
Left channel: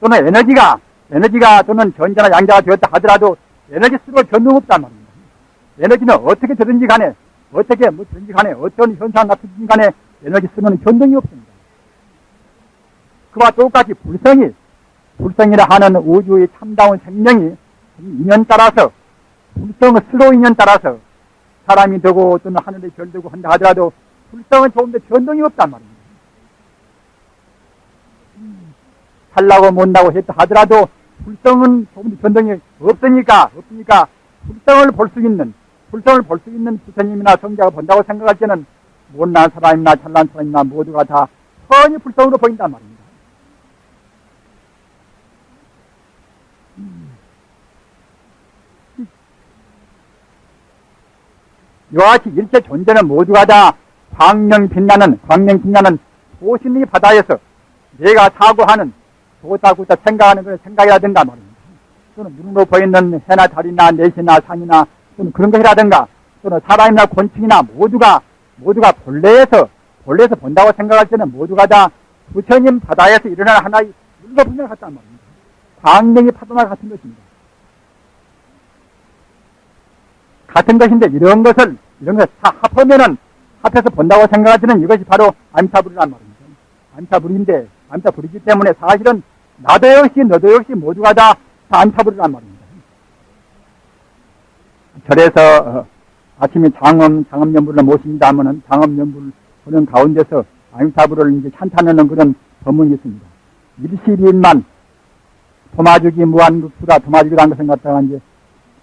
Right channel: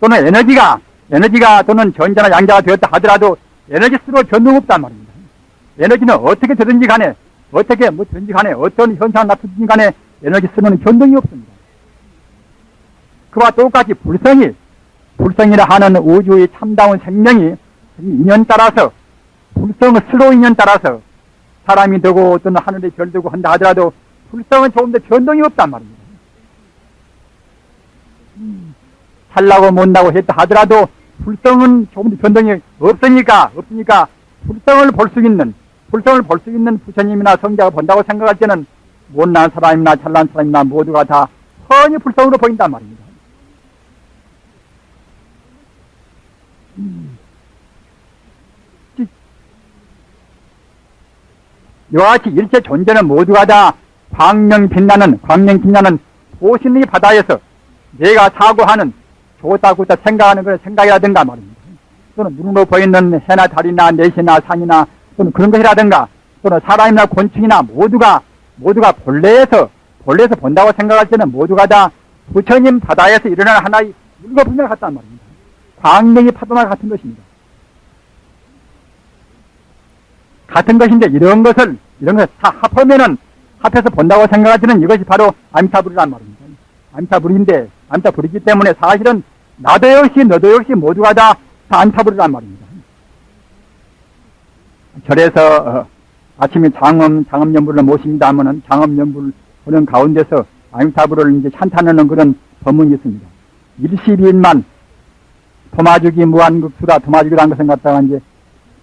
또는 에너지가 또는 전자나 양자가 되었다 하더라도 에너지 스스로 변동 없단 말입니다. 에너지는 어떻게 되든지 간에 어떤 현상을 나타든지 간에 에너지 스스로는 변동이 없습니다. 그와 똑같이 불성이라 하는 우주의 참다운 생명이 인연 따라서 불성의 스스로 인연 따라서 사람이 되고 또는 하늘의 별 되고 한다 하더라도 불성은 조금 더 변동이 없단 말입니다. 살라고 못나고 했다 하더라도 불성은 조금 더 변동이 없으니까 불성을 볼 수 있는 부처님이나 성자가 본다고 생각할 때는 못난 사람이나 잘난 사람이나 모두가 다 훤히 불성으로 보인단 말입니다. 이와 같이 일체 존재는 모두가 다 광명 빛나는 보신의 바다에서 내가 사고하는 좋다고 생각하는 걸 생각이라든가 말입니다. 또는 눈으로 보이는 해나 달이나 내시나 산이나 또는 그런 것이라든가 또는 사람이나 곤충이나 모두가 본래에서 본다고 생각할 때는 모두가 다 부처님 바다에서 일어나는 하나의 물과 분야가 같단 말입니다. 광명의 파도나 같은 것입니다. 같은 것인데 이런 것을 다 합해서 본다고 생각할 때는 이것이 바로 아미타불이란 말입니다. 아미타불이기 때문에 사실은 나도 역시 너도 역시 모두가 다 아미타불이란 말입니다. 절에서 아침에 장엄연불을 모십니다 하면은 장엄연불 보는 가운데서 아미타불을 이제 찬탄하는 그런 법문이 있습니다. 일시비인만 도마주기 무한극수라 도마주기라는 것은 갖다가 이제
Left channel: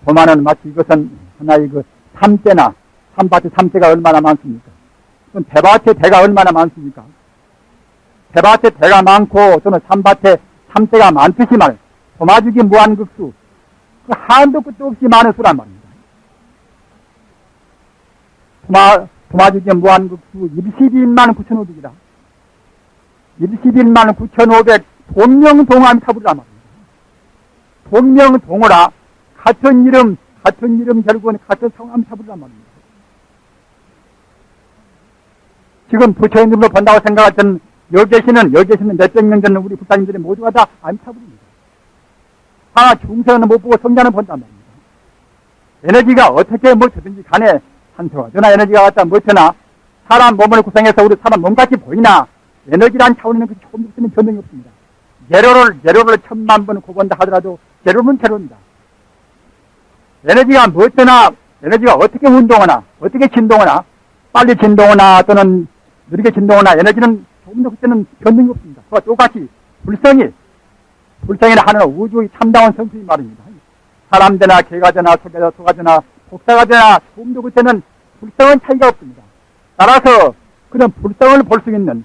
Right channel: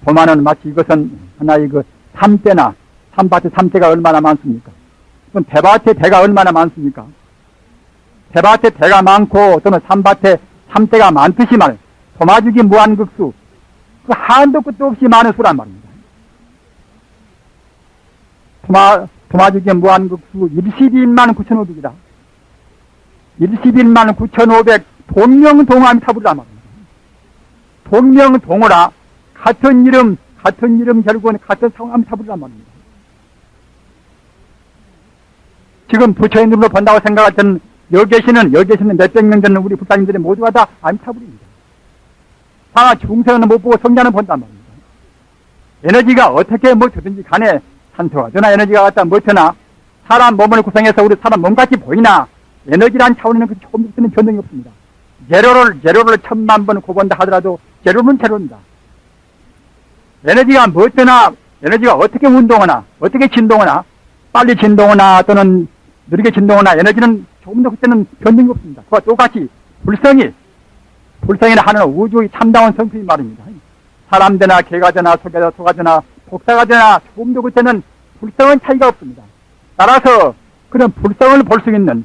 도마는 마치 이것은 하나의 그 삼밭에 삼대가 얼마나 많습니까? 그럼 대밭에 대가 얼마나 많습니까? 대밭에 대가 많고 또는 삼밭에 삼대가 많듯이 말 도마주기 무한극수 그 한도 끝도 없이 많은 수란 말입니다. 도마주기 무한극수 12인만 9,500이다. 12인만 9,500 동명동아미타불이란 말입니다. 동명동어라 같은 이름 결국은 같은 상암타불이란 말입니다. 지금 부처님으로 본다고 생각할 때는 여기 계시는 몇백 명 되는 우리 불사님들이 모두가 다 아미타불입니다. 다 중생은 못 보고 성자는 본단 말입니다. 에너지가 어떻게 되든지 간에 산소가 되나 에너지가 갖다 되나 사람 몸을 구성해서 우리 사람 몸같이 보이나 에너지란 차원에는 그 조금 변동이 없습니다. 제로를 1000만 번 곱본다 하더라도 제로는 제로입니다. 에너지가 에너지가 어떻게 운동하나 어떻게 진동하나 빨리 진동하나 또는 느리게 진동하나 에너지는 조금 더 그때는 변동이 없습니다. 그와 똑같이 불성이라 하는 우주의 참다운 성품이 말입니다. 사람 되나 개가 되나 소가 되나 복사가 되나 조금 더 그때는 불성은 차이가 없습니다. 따라서 그런 불성을 볼 수 있는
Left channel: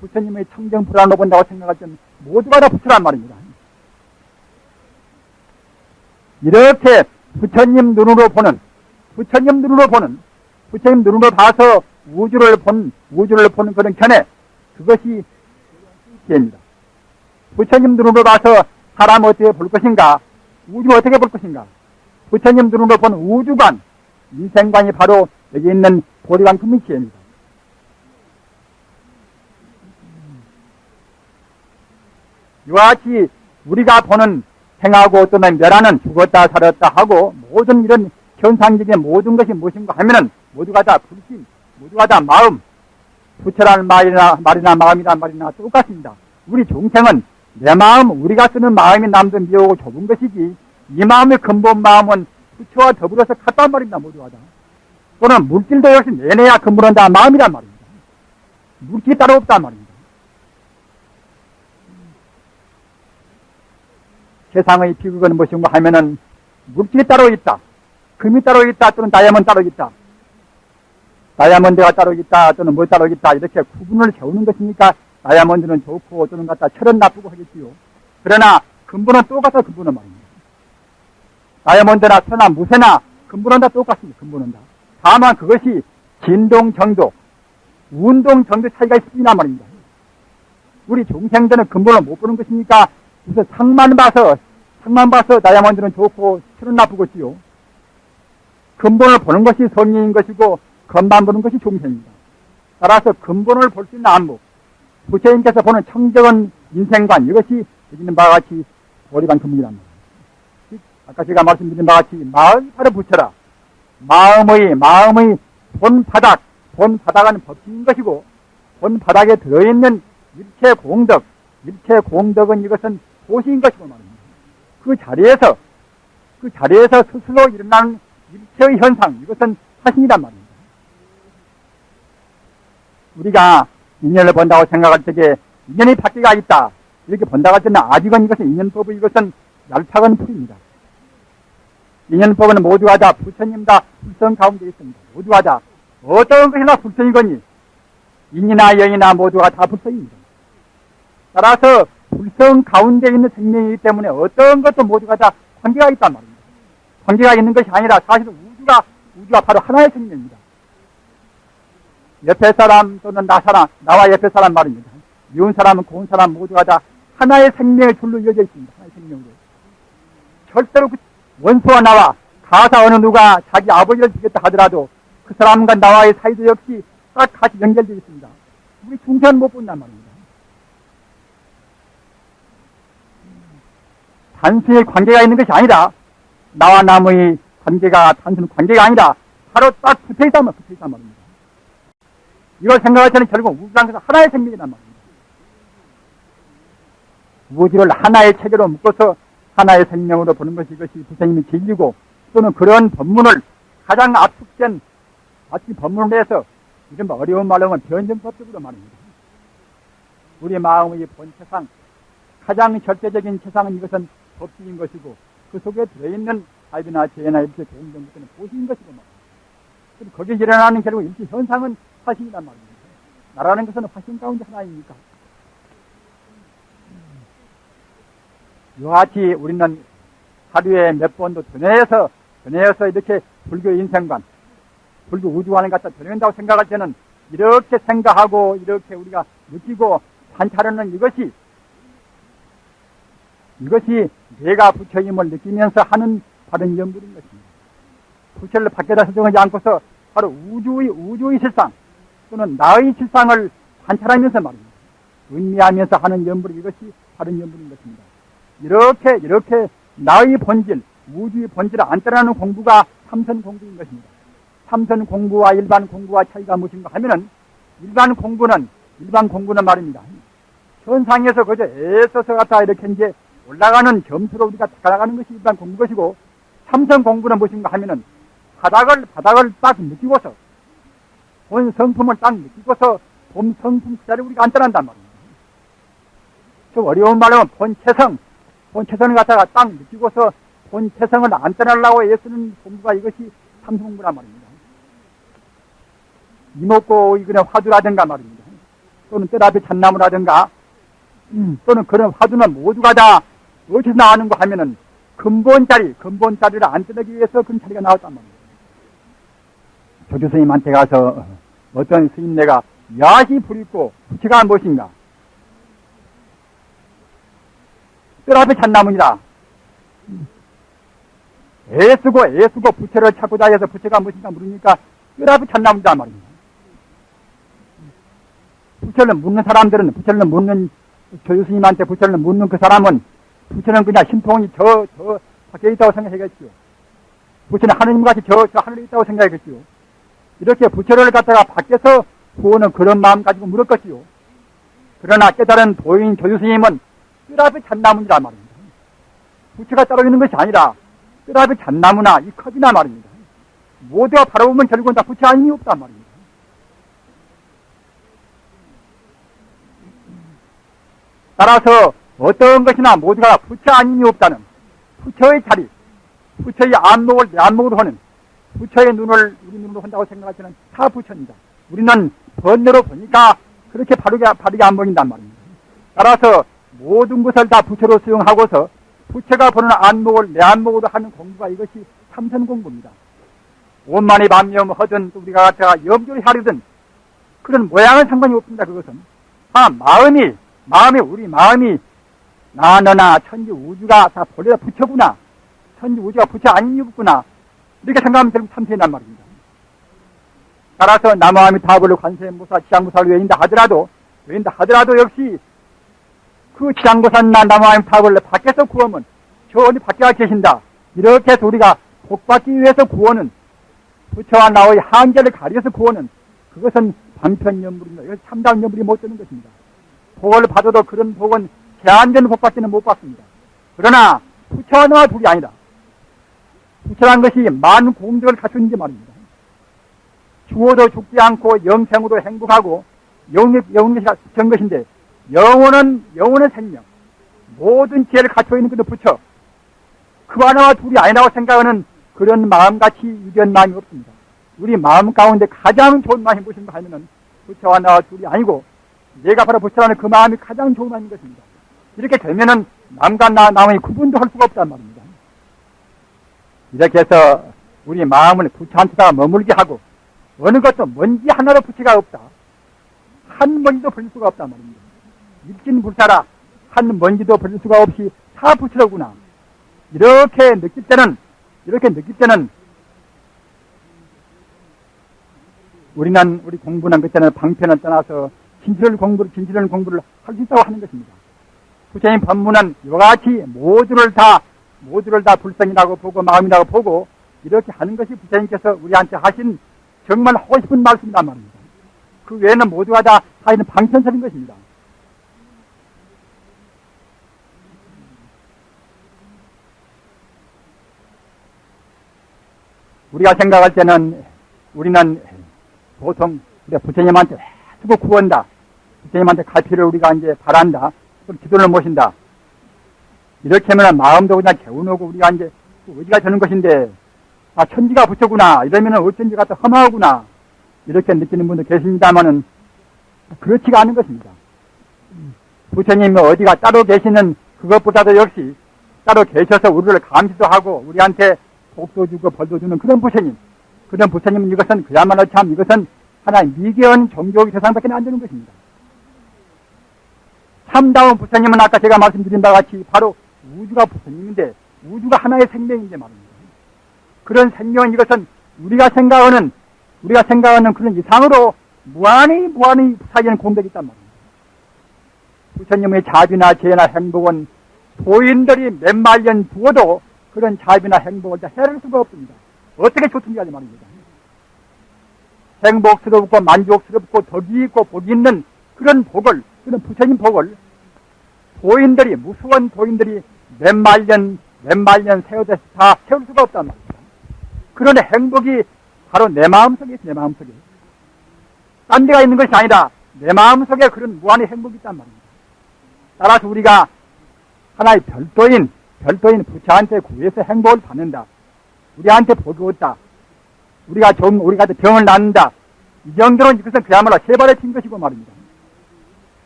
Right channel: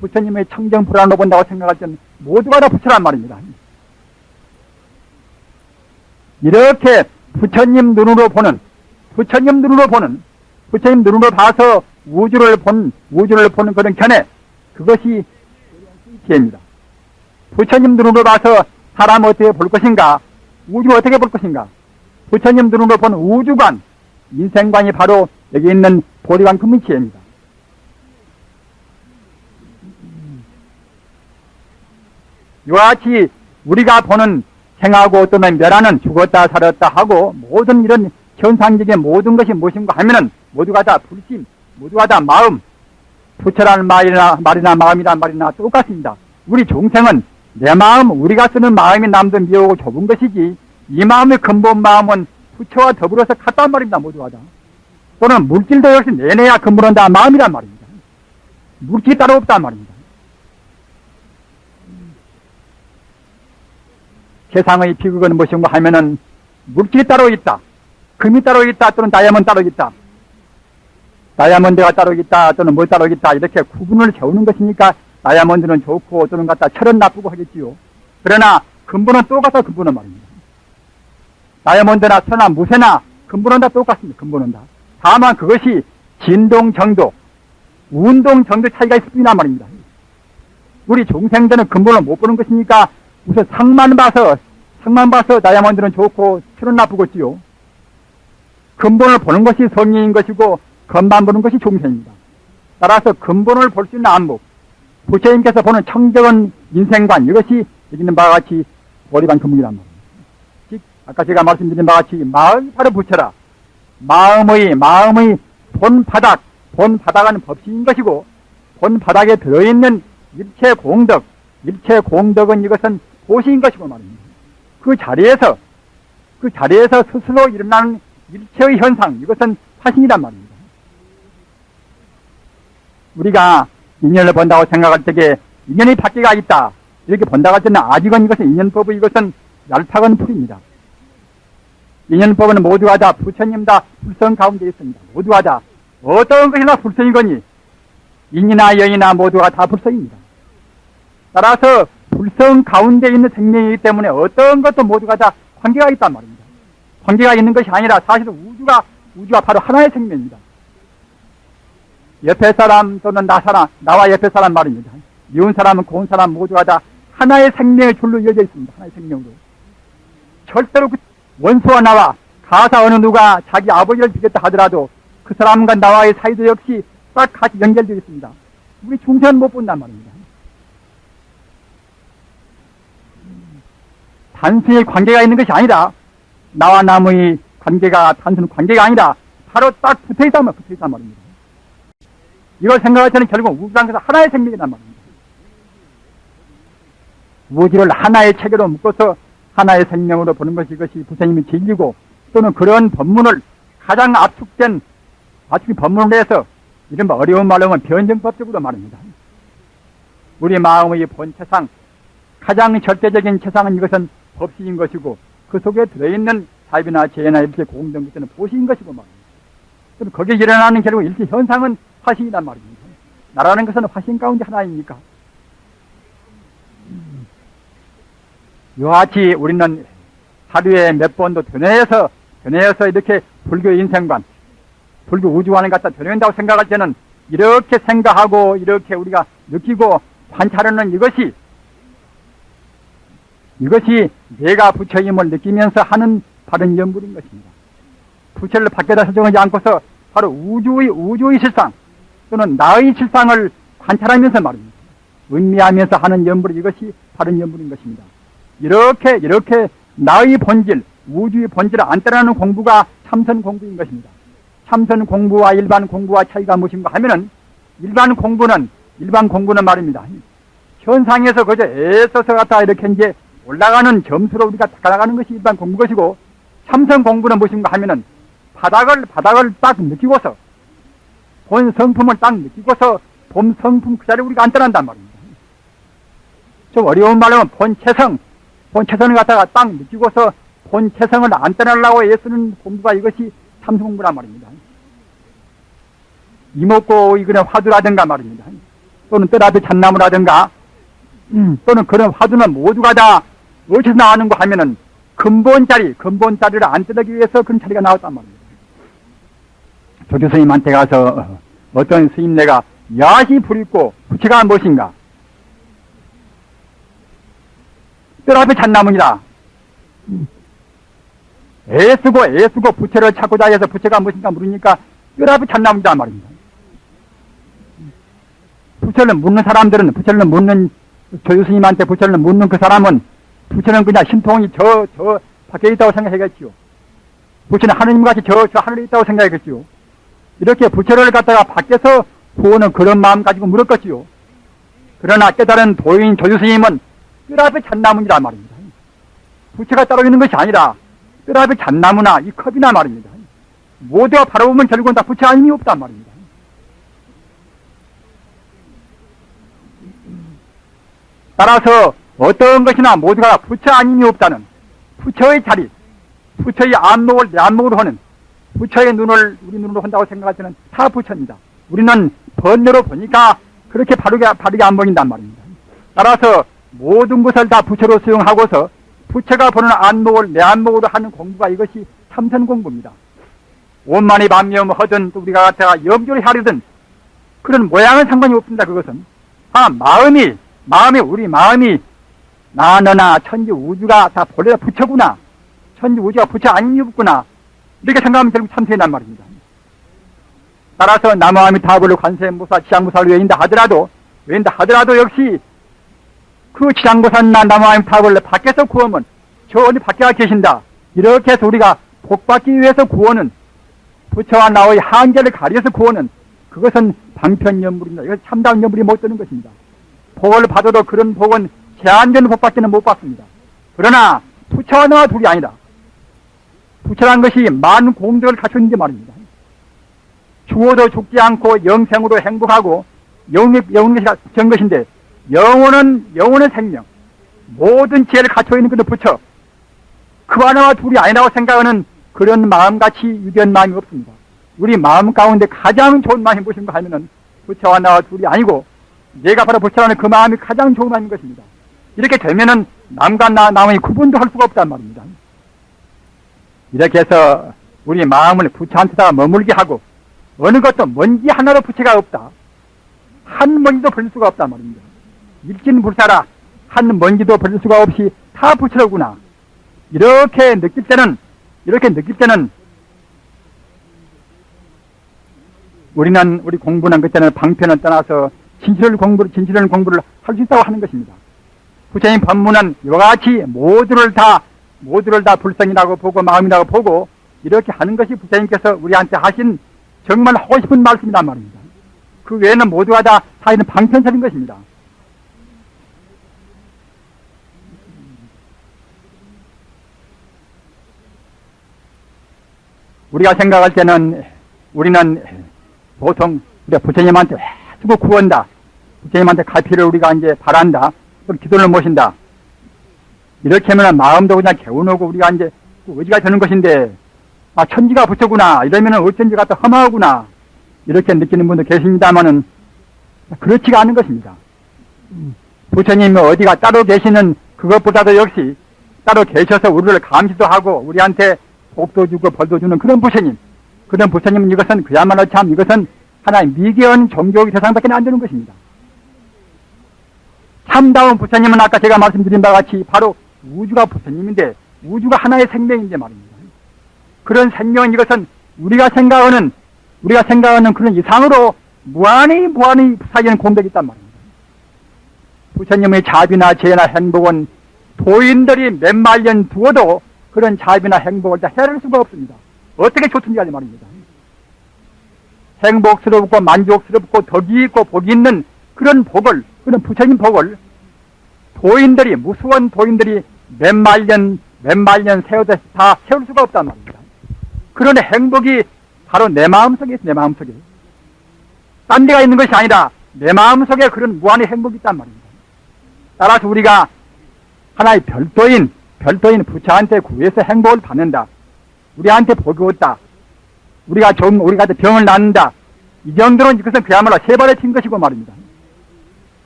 부처님의 청정불안으로 본다고 생각할 때는 모두가 다 부처란 말입니다. 이렇게 부처님 눈으로 봐서 우주를 보는 그런 견해, 그것이 지혜입니다. 부처님 눈으로 봐서 사람 어떻게 볼 것인가, 우주 어떻게 볼 것인가, 부처님 눈으로 본 우주관, 인생관이 바로 여기 있는 보리만큼의 지혜입니다. 이와 같이 우리가 보는 생하고 또는 멸하는 죽었다 살았다 하고 모든 이런 현상적인 모든 것이 무엇인가 하면은 모두가 다 불심, 모두가 다 마음, 부처라는 말이나 마음이라는 말이나 똑같습니다. 우리 종생은 내 마음, 우리가 쓰는 마음이 남도 미워하고 좁은 것이지 이 마음의 근본 마음은 부처와 더불어서 같단 말입니다. 모두가 다. 또는 물질도 역시 내내야 근본은 다 마음이란 말입니다. 물질이 따로 없단 말입니다. 세상의 비극은 무엇인가 하면은 물질이 따로 있다, 금이 따로 있다, 또는 다이아몬드 따로 있다, 다이아몬드가 따로 있다, 또는 뭐 따로 있다, 이렇게 구분을 세우는 것이니까 다이아몬드는 좋고 또는 갖다 철은 나쁘고 하겠지요. 그러나 근본은 똑같다. 근본은 말입니다. 다이아몬드나 천나 무쇠나 근본은 다 똑같습니다. 근본은 다. 다만 그것이 진동 정도, 운동 정도 차이가 있을 뿐이란 말입니다. 우리 종생들은 근본을 못 보는 것이니까 우선 상만 봐서 다이아몬드는 좋고 철은 나쁘겠지요. 근본을 보는 것이 성리인 것이고 겉만 보는 것이 종생입니다. 따라서 근본을 볼 수 있는 안목, 부처님께서 보는 청정한 인생관, 이것이 여기 있는 바와 같이 보리반 근본이란 말입니다. 즉 아까 제가 말씀드린 바와 같이 마음이 바로 부처라. 마음의 본바닥은 법신인 것이고 본바닥에 들어있는 일체 공덕은 이것은 보시인 것이고 말입니다. 그 자리에서 스스로 일어나는 일체의 현상, 이것은 화신이란 말입니다. 우리가 인연을 본다고 생각할 때에 인연의 밖에가 있다, 이렇게 본다고 할 때는 아직은 이것은 인연법의 이것은 얄팍한 풀입니다. 인연법은 모두가 다 부처님 다 불성 가운데 있습니다. 모두가 다 어떤 것이나 불성이거니 인이나 영이나 모두가 다 불성입니다. 따라서 불성 가운데 있는 생명이기 때문에 어떤 것도 모두가 다 관계가 있단 말입니다. 관계가 있는 것이 아니라 사실은 우주가 바로 하나의 생명입니다. 옆에 사람 또는 나와 옆에 사람 말입니다. 미운 사람은 고운 사람 모두가 다 하나의 생명의 줄로 이어져 있습니다. 하나의 생명으로. 절대로 원수와 나와 가사 어느 누가 자기 아버지를 죽였다 하더라도 그 사람과 나와의 사이도 역시 딱 같이 연결되어 있습니다. 우리 중생은 못 본단 말입니다. 단순히 관계가 있는 것이 아니라 나와 남의 관계가 단순 관계가 아니라 바로 딱 붙어있단 말입니다. 이걸 생각할 때는 결국 우주상에서 하나의 생명이란 말입니다. 우주를 하나의 체계로 묶어서 하나의 생명으로 보는 것이 이것이 부처님이 진리고 또는 그런 법문을 가장 압축된 법문을 해서 이른바 어려운 말로 하면 변증법적으로 말합니다. 우리 마음의 본체상 가장 절대적인 체상은 이것은 법시인 것이고 그 속에 들어있는 사비나 재나 이렇게 공정 것들은 보시인 것이고 말입니다. 그럼 거기에 일어나는 결국 일체 현상은 화신이란 말입니다. 나라는 것은 화신 가운데 하나이니까. 이와 같이 우리는 하루에 몇 번도 변해서 이렇게 불교 인생관, 불교 우주관을 갖다 변해온다고 생각할 때는 이렇게 생각하고 이렇게 우리가 느끼고 관찰하는 이것이 내가 부처임을 느끼면서 하는 바른 연불인 것입니다. 부처를 밖에다 설정하지 않고서 바로 우주의 실상 또는 나의 실상을 관찰하면서 말입니다. 음미하면서 하는 연불, 이것이 바른 연불인 것입니다. 이렇게 나의 본질, 우주의 본질을 안 따라하는 공부가 참선 공부인 것입니다. 참선 공부와 일반 공부와 차이가 무엇인가 하면은 일반 공부는 말입니다. 현상에서 그저 애써서 갖다 이렇게 이제 올라가는 점수로 우리가 닦아나가는 것이 일반 공부 것이고, 참선 공부는 무엇인가 하면은 바닥을 딱 느끼고서 본 성품을 딱 느끼고서 본 성품 그 자리에 우리가 안 떠난단 말입니다. 좀 어려운 말로 하면 본체성을 갖다가 딱 느끼고서 본체성을 안 떠나려고 애쓰는 공부가 이것이 참선 공부란 말입니다. 이목고 이거는 화두라든가 말입니다. 또는 뜰 앞에 잣나무라든가 또는 그런 화두는 모두가 다 어디서 나오는가 하면은 근본자리를 안 뜯기 위해서 그런 자리가 나왔단 말입니다. 조주 스님한테 가서 어떤 스님네가 야시 부리고 부처가 무엇인가? 뜰 앞에 잣나무니라. 애쓰고 부처를 찾고자 해서 부처가 무엇인가 물으니까 뜰 앞에 잣나무다 말입니다. 부처를 묻는 조주 스님한테 부처를 묻는 그 사람은 부처는 그냥 신통이 저 밖에 있다고 생각하겠지요. 부처는 하느님같이 저 하늘에 있다고 생각하겠지요. 이렇게 부처를 갖다가 밖에서 구하는 그런 마음 가지고 물었겠지요. 그러나 깨달은 도인 조주 스님은 뜰 앞에 잣나무니라 말입니다. 부처가 따로 있는 것이 아니라 뜰 앞에 잣나무나 이 컵이나 말입니다. 모두가 바라보면 결국은 다 부처 아님이 없단 말입니다. 따라서 어떤 것이나 모두가 부처 아님이 없다는 부처의 자리, 부처의 안목을 내 안목으로 하는 부처의 눈을 우리 눈으로 한다고 생각하지는 다 부처입니다. 우리는 번뇌로 보니까 그렇게 바르게 안 보인단 말입니다. 따라서 모든 것을 다 부처로 수용하고서 부처가 보는 안목을 내 안목으로 하는 공부가 이것이 참선 공부입니다. 원만히 만명하든 우리가 갖다가 염조를 하려든 그런 모양은 상관이 없습니다. 그것은 우리 마음이 나 너나 천지 우주가 다 본래 부처구나, 천지 우주가 부처 아닌 이없구나 이렇게 생각하면 결국 참선이란 말입니다. 따라서 나무아미타불을 관세음보살 지장보살을 외인다 하더라도 역시 그 지장보살나 나무아미타불을 밖에서 구하면 저 어디 밖에 계신다 이렇게 해서 우리가 복받기 위해서 구하는 부처와 나의 한계를 가려서 구하는 그것은 방편연물입니다. 이것은 참다운 연물이 못 되는 것입니다. 복을 받아도 그런 복은 제한된 복밖에는 못 받습니다. 그러나 부처와 나와 둘이 아니라 부처란 것이 많은 공덕을 갖췄는지 말입니다. 죽어도 죽지 않고 영생으로 행복하고 영원히 된 것인데 영원은 생명 모든 지혜를 갖춰 있는 그런 부처 그와 나와 둘이 아니라고 생각하는 그런 마음같이 유견 마음이 없습니다. 우리 마음 가운데 가장 좋은 마음이 무엇인가 하면은 부처와 나와 둘이 아니고 내가 바로 부처라는 그 마음이 가장 좋은 마음인 것입니다. 이렇게 되면은 남과 남의 구분도 할 수가 없단 말입니다. 이렇게 해서 우리 마음을 부처한테다가 머물게 하고 어느 것도 먼지 하나로 부처가 없다. 한 먼지도 버릴 수가 없단 말입니다. 일진불사라 한 먼지도 버릴 수가 없이 다 부처로구나. 이렇게 느낄 때는 우리 공부는 그때는 방편을 떠나서 진실을 공부를 할 수 있다고 하는 것입니다. 부처님 법문은 이와 같이 모두를 다 불성이라고 보고 마음이라고 보고 이렇게 하는 것이 부처님께서 우리한테 하신 정말 하고 싶은 말씀이란 말입니다. 그 외에는 모두가 다 있는 방편설인 것입니다. 우리가 생각할 때는 우리는 보통 부처님한테 수고 구한다. 부처님한테 갈피를 우리가 이제 바란다. 또 기도를 모신다. 이렇게 하면 마음도 그냥 개운하고 우리가 이제 의지가 되는 것인데 천지가 부처구나 이러면은 어쩐지 갖다 험하구나 이렇게 느끼는 분도 계십니다만은 그렇지가 않은 것입니다. 부처님이 어디가 따로 계시는 그것보다도 역시 따로 계셔서 우리를 감시도 하고 우리한테 복도 주고 벌도 주는 그런 부처님은 이것은 그야말로 참 이것은 하나의 미개한 종교의 대상밖에 안 되는 것입니다. 참다운 부처님은 아까 제가 말씀드린 바와 같이 바로 우주가 부처님인데 우주가 하나의 생명인데 말입니다. 그런 생명은 이것은 우리가 생각하는 그런 이상으로 무한히 사이에는 공덕이 있단 말입니다. 부처님의 자비나 죄나 행복은 도인들이 몇만 년 두어도 그런 자비나 행복을 다 헤아릴 수가 없습니다. 어떻게 좋든지 하지 말입니다. 행복스럽고 만족스럽고 덕이 있고 복이 있는 그런 부처님 복을 무수한 도인들이 몇만 년 세워도 다 세울 수가 없단 말입니다. 그런 행복이 바로 내 마음속에 있어요. 내 마음속에. 딴 데가 있는 것이 아니라 내 마음속에 그런 무한의 행복이 있단 말입니다. 따라서 우리가 하나의 별도인 부처한테 구해서 행복을 받는다. 우리한테 복이 없다. 우리가 병을 낳는다. 이 정도는 이것은 그야말로 세 발에 핀 것이고 말입니다.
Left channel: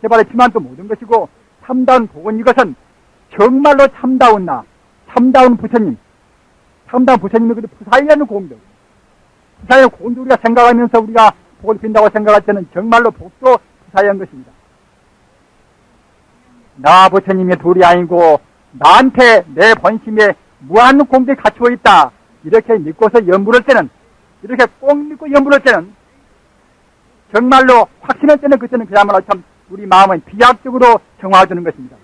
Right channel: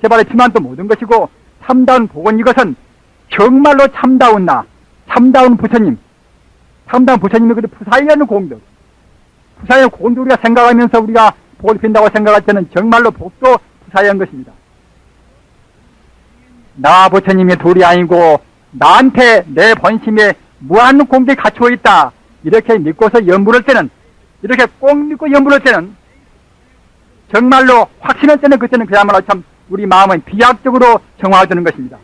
세 발에 피면 또 모든 것이고, 참다운 복은 이것은 정말로 참다운 나, 참다운 부처님, 참다운 부처님의 그 푸사이라는 공덕, 푸사이의 공덕 우리가 생각하면서 우리가 복을 빈다고 생각할 때는 정말로 복도 푸사이한 것입니다. 나 부처님이 둘이 아니고 나한테 내 본심에 무한 공덕이 갖추어 있다, 이렇게 믿고서 연불할 때는, 이렇게 꼭 믿고 연불할 때는 정말로 확신할 때는, 그때는 그야말로 참 우리 마음은 비약적으로 정화되는 것입니다.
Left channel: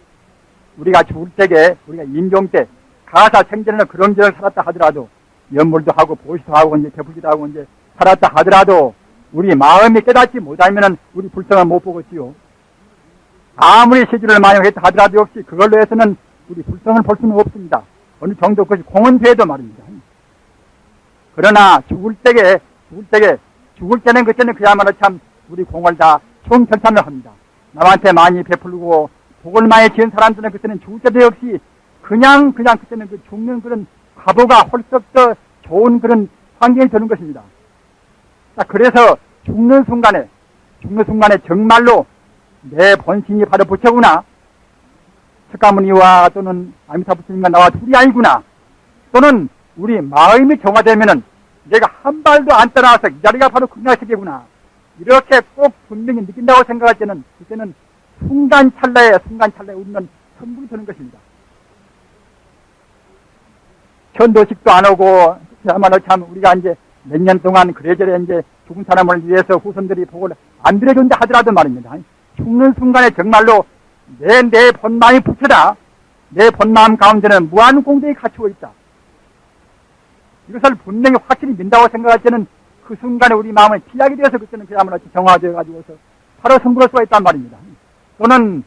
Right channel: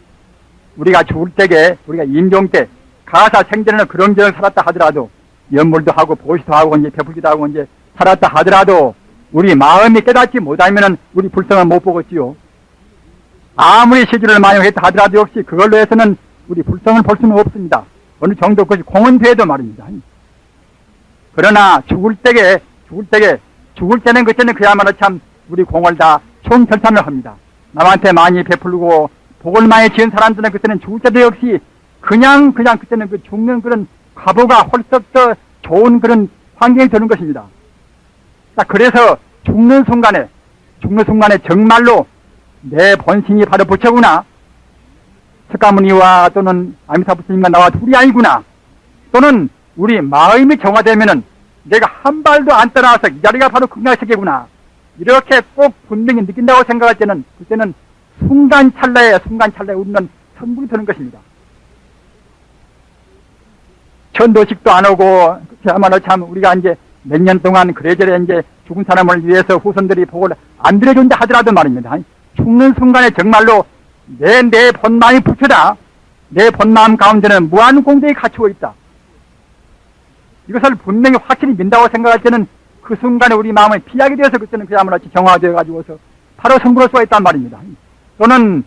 우리가 죽을 때에, 우리가 임종 때 가사 생전에는 그런 경을 살았다 하더라도, 연물도 하고 보시도 하고 이제 베풀기도 하고 이제 살았다 하더라도 우리 마음이 깨닫지 못하면은 우리 불성을 못 보겠지요. 아무리 시주를 많이 했다 하더라도 역시 그걸로 해서는 우리 불성을 볼 수는 없습니다. 어느 정도 것이 공은 돼도 말입니다. 그러나 죽을 때는 그때는 그야말로 참 우리 공을 다 총결산을 합니다. 남한테 많이 베풀고 복을 많이 지은 사람들은 그때는 죽을 때도 역시 그냥 그때는 그 죽는 그런 과보가 홀썩 더 좋은 그런 환경이 되는 것입니다. 자, 그래서 죽는 순간에 정말로 내 본심이 바로 부처구나, 석가모니와 또는 아미타 부처님과 나와 둘이 아니구나, 또는 우리 마음이 정화되면은 내가 한 발도 안 떠나와서 이 자리가 바로 극락세계구나, 이렇게 꼭 분명히 느낀다고 생각할 때는 그때는 순간 찰나에 우리는 천불이 되는 것입니다. 천도식도 안 오고, 그야말로 참 우리가 이제 몇 년 동안 그래저래 이제 죽은 사람을 위해서 후손들이 복을 안 들여준다 하더라도 말입니다. 죽는 순간에 정말로 내 본마음이 부처다, 내 본마음 가운데는 무한 공덕이 갖추어 있다, 이것을 분명히 확실히 민다고 생각할 때는 그 순간에 우리 마음을 피하게 되어서 그때는 그야말로 정화되어 가지고서 바로 성불할 수가 있단 말입니다. 또는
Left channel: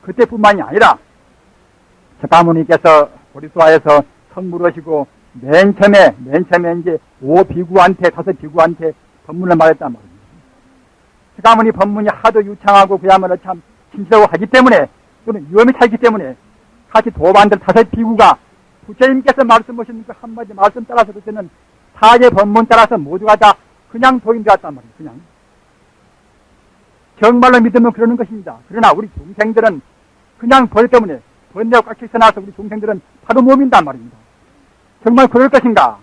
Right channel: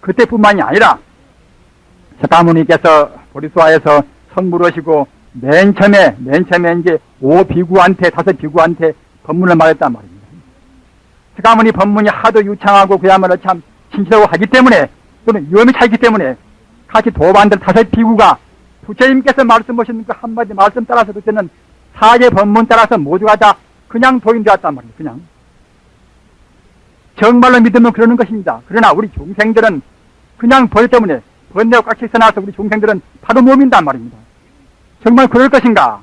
그때뿐만이 아니라 석가모니께서 보리수화에서 성불하시고 맨 처음에 이제 5 비구한테 법문을 말했단 말입니다. 석가모니 법문이 하도 유창하고 그야말로 참 진실하고 하기 때문에, 또는 위험이 차있기 때문에 같이 도반들 5 비구가 부처님께서 말씀하신 그 한마디 말씀 따라서 그때는 4개 법문 따라서 모두가 다 그냥 도인되었단 말이에요. 그냥 정말로 믿으면 그러는 것입니다. 그러나 우리 중생들은 그냥 벌 때문에 번뇌가 꽉 씻어나서 우리 중생들은 바로 못 믿는단 말입니다. 정말 그럴 것인가?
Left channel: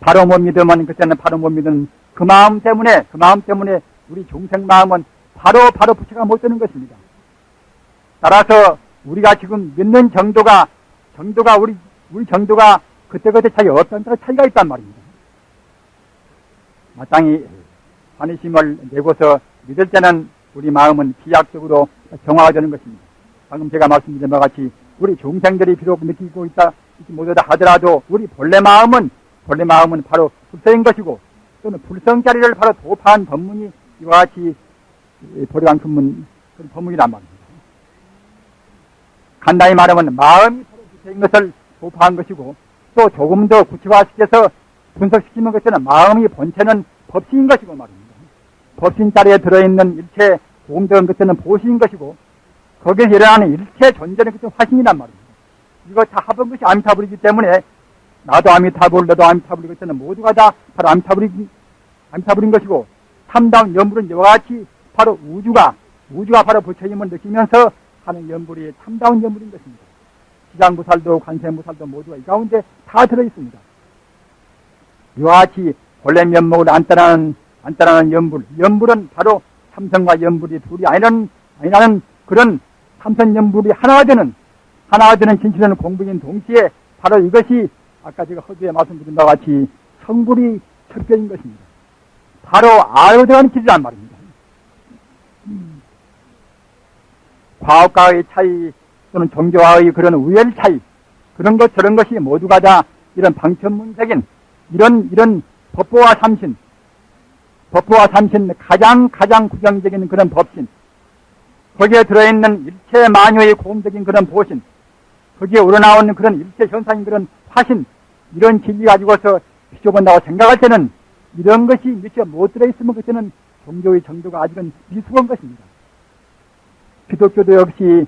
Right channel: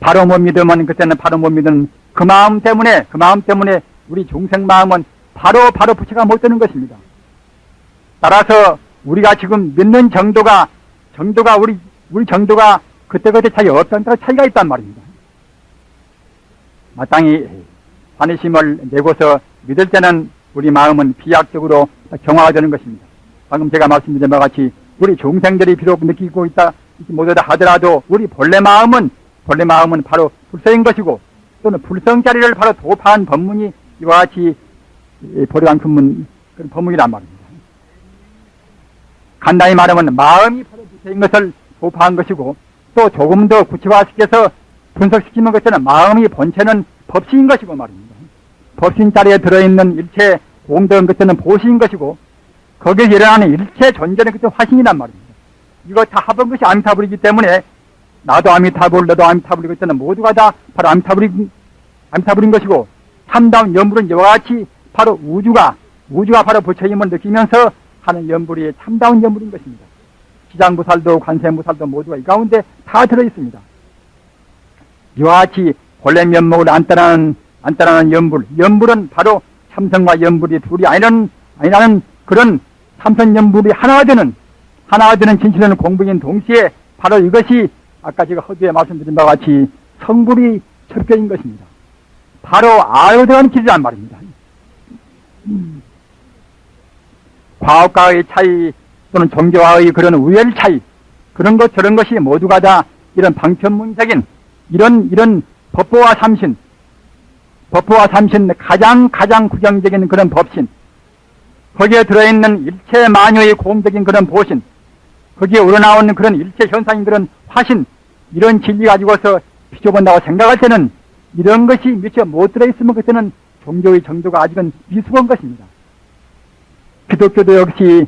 바로 못 믿으면 그때는 바로 못 믿는 그 마음 때문에 우리 중생 마음은 바로 부처가 못 되는 것입니다. 따라서 우리가 지금 믿는 정도가 우리 정도가 그때그때 차이 없다는 차이가 있단 말입니다. 마땅히 반의심을 내고서 믿을 때는 우리 마음은 비약적으로 정화가 되는 것입니다. 방금 제가 말씀드린 바와 같이 우리 중생들이 비록 느끼고 있다 못하다 하더라도 우리 본래 마음은 바로 불성인 것이고, 또는 불성자리를 바로 도파한 법문이 이와 같이 보려한 그런 법문이란 말입니다. 간단히 말하면 마음이 바로 불성인 것을 도파한 것이고, 또 조금 더 구체화시켜서 분석시키는 것은 마음이 본체는 법신인 것이고 말입니다. 법신 자리에 들어있는 일체 공덕은 그때는 보시인 것이고, 거기에 일어나는 일체 존재는 그때 화신이란 말입니다. 이거 다 합한 것이 아미타불이기 때문에 나도 아미타불, 너도 아미타불이기 때문에 모두가 다 바로 아미타불인 것이고, 참다운 연불은 이와 같이 바로 우주가 바로 부처님을 느끼면서 하는 연불이 참다운 연불인 것입니다. 지장무살도 관세무살도 모두가 이 가운데 다 들어있습니다. 이와 같이 본래 면목을 안 따라는 연불은 바로 참선과 연불이 둘이 아니라는 그런 참선 연불이 하나가 되는 진실하는 공부인 동시에 바로 이것이 아까 제가 허두에 말씀드린 바와 같이 성불이 철저인 것입니다. 바로 알고 들어가는 길이란 말입니다. 과학과의 차이, 또는 종교와의 그런 우열 차이, 그런 것 저런 것이 모두가 다 이런 방편문적인 이런 법보와 삼신 가장 구경적인 그런 법신, 거기에 들어있는 일체 만유의 공적인 그런 보신, 거기에 우러나오는 그런 일체 현상인 그런 화신, 이런 진리 가지고서 비춰본다고 생각할 때는 이런 것이 미처 못 들어있으면 그때는 종교의 정도가 아직은 미숙한 것입니다. 기독교도 역시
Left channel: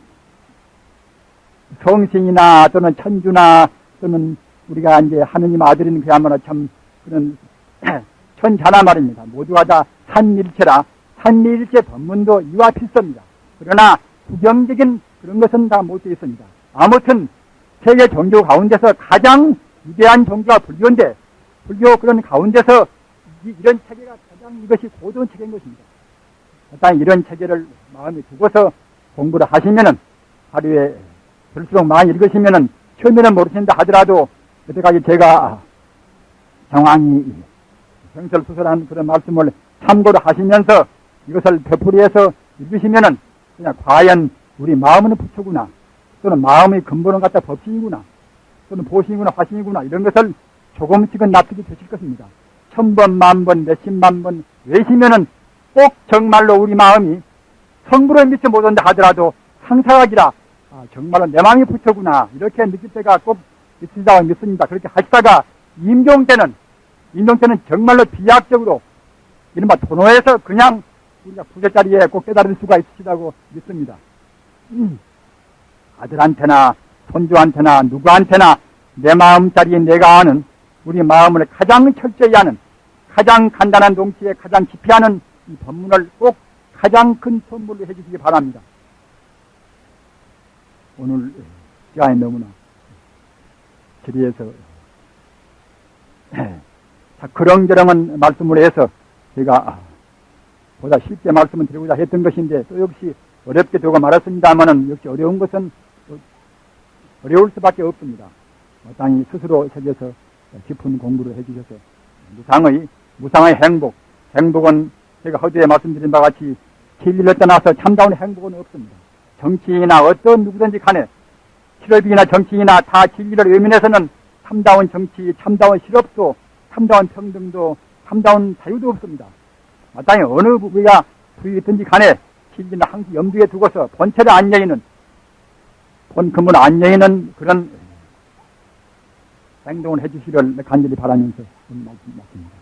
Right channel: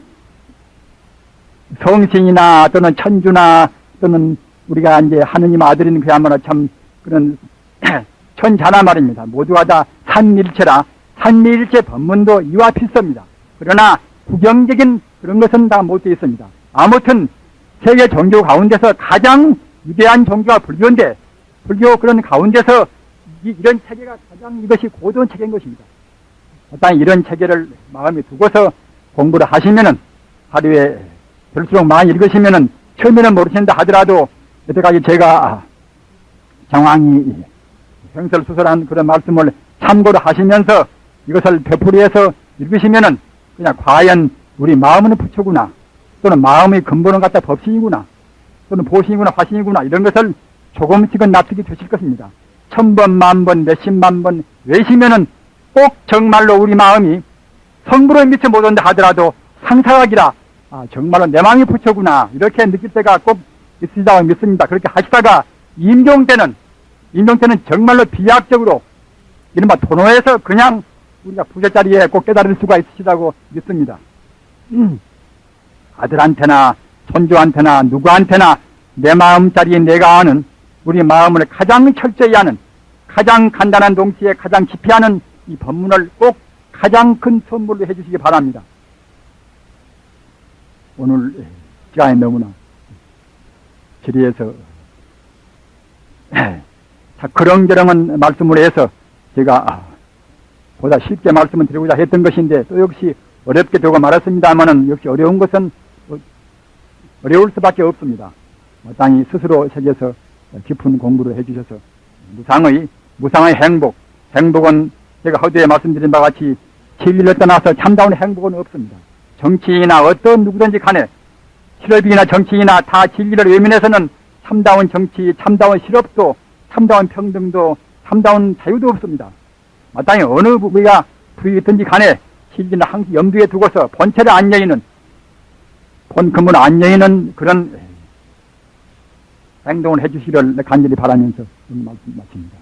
성신이나 또는 천주나 또는 우리가 이제 하느님 아들인 그야말로 참 그런 천자나 말입니다. 모두가 다 삼위일체라 삼위일체 법문도 이와 필수입니다. 그러나 구경적인 그런 것은 다 못 되어 있습니다. 아무튼 세계 종교 가운데서 가장 위대한 종교가 불교인데 불교 그런 가운데서 이런 체계가 가장 이것이 고도한 체계인 것입니다. 일단 이런 체계를 마음에 두고서 공부를 하시면은 하루에 될수록 많이 읽으시면은 처음에는 모르신다 하더라도 여태까지 제가 정황이 횡설수설한 그런 말씀을 참고를 하시면서 이것을 되풀이해서 읽으시면은 그냥 과연 우리 마음은 부처구나, 또는 마음의 근본은 갖다 법신이구나, 또는 보신이구나, 화신이구나, 이런 것을 조금씩은 납득이 되실 것입니다. 1000번, 만번, 몇십만 번 외시면은 꼭 정말로 우리 마음이 성불의 미쳐 못 온다 하더라도 상사각이라, 정말로 내 마음이 부처구나, 이렇게 느낄 때가 꼭 있으리라고 믿습니다. 그렇게 하시다가 임종 때는 정말로 비약적으로 이른바 도노에서 그냥 우리가 부처자리에 꼭 깨달을 수가 있으시다고 믿습니다. 아들한테나 손주한테나 누구한테나 내 마음자리에 내가 아는 우리 마음을 가장 철저히 아는 가장 간단한 동시에 가장 깊이 아는 이 법문을 꼭 가장 큰 선물로 해주시기 바랍니다. 오늘 시간이 너무나 지리에서 그런저런한 말씀을 해서 제가 보다 쉽게 말씀을 드리고자 했던 것인데 또 역시 어렵게 되고 말았습니다만은 역시 어려운 것은 어려울 수밖에 없습니다. 마땅히 스스로 새겨서 깊은 공부를 해주셔서 무상의 행복은 제가 허두에 말씀드린 바와 같이 진리를 떠나서 참다운 행복은 없습니다. 정치인이나 어떤 누구든지 간에 실업이나 정치인이나 다 진리를 외면해서는 참다운 정치, 참다운 실업도, 참다운 평등도, 참다운 자유도 없습니다. 마땅히 어느 부위가 부위든지 간에 진리는 항상 염두에 두고서 본체를 안 여의는, 본 근본 안 여의는 그런 행동을 해주시기를 간절히 바라면서 말씀 마칩니다.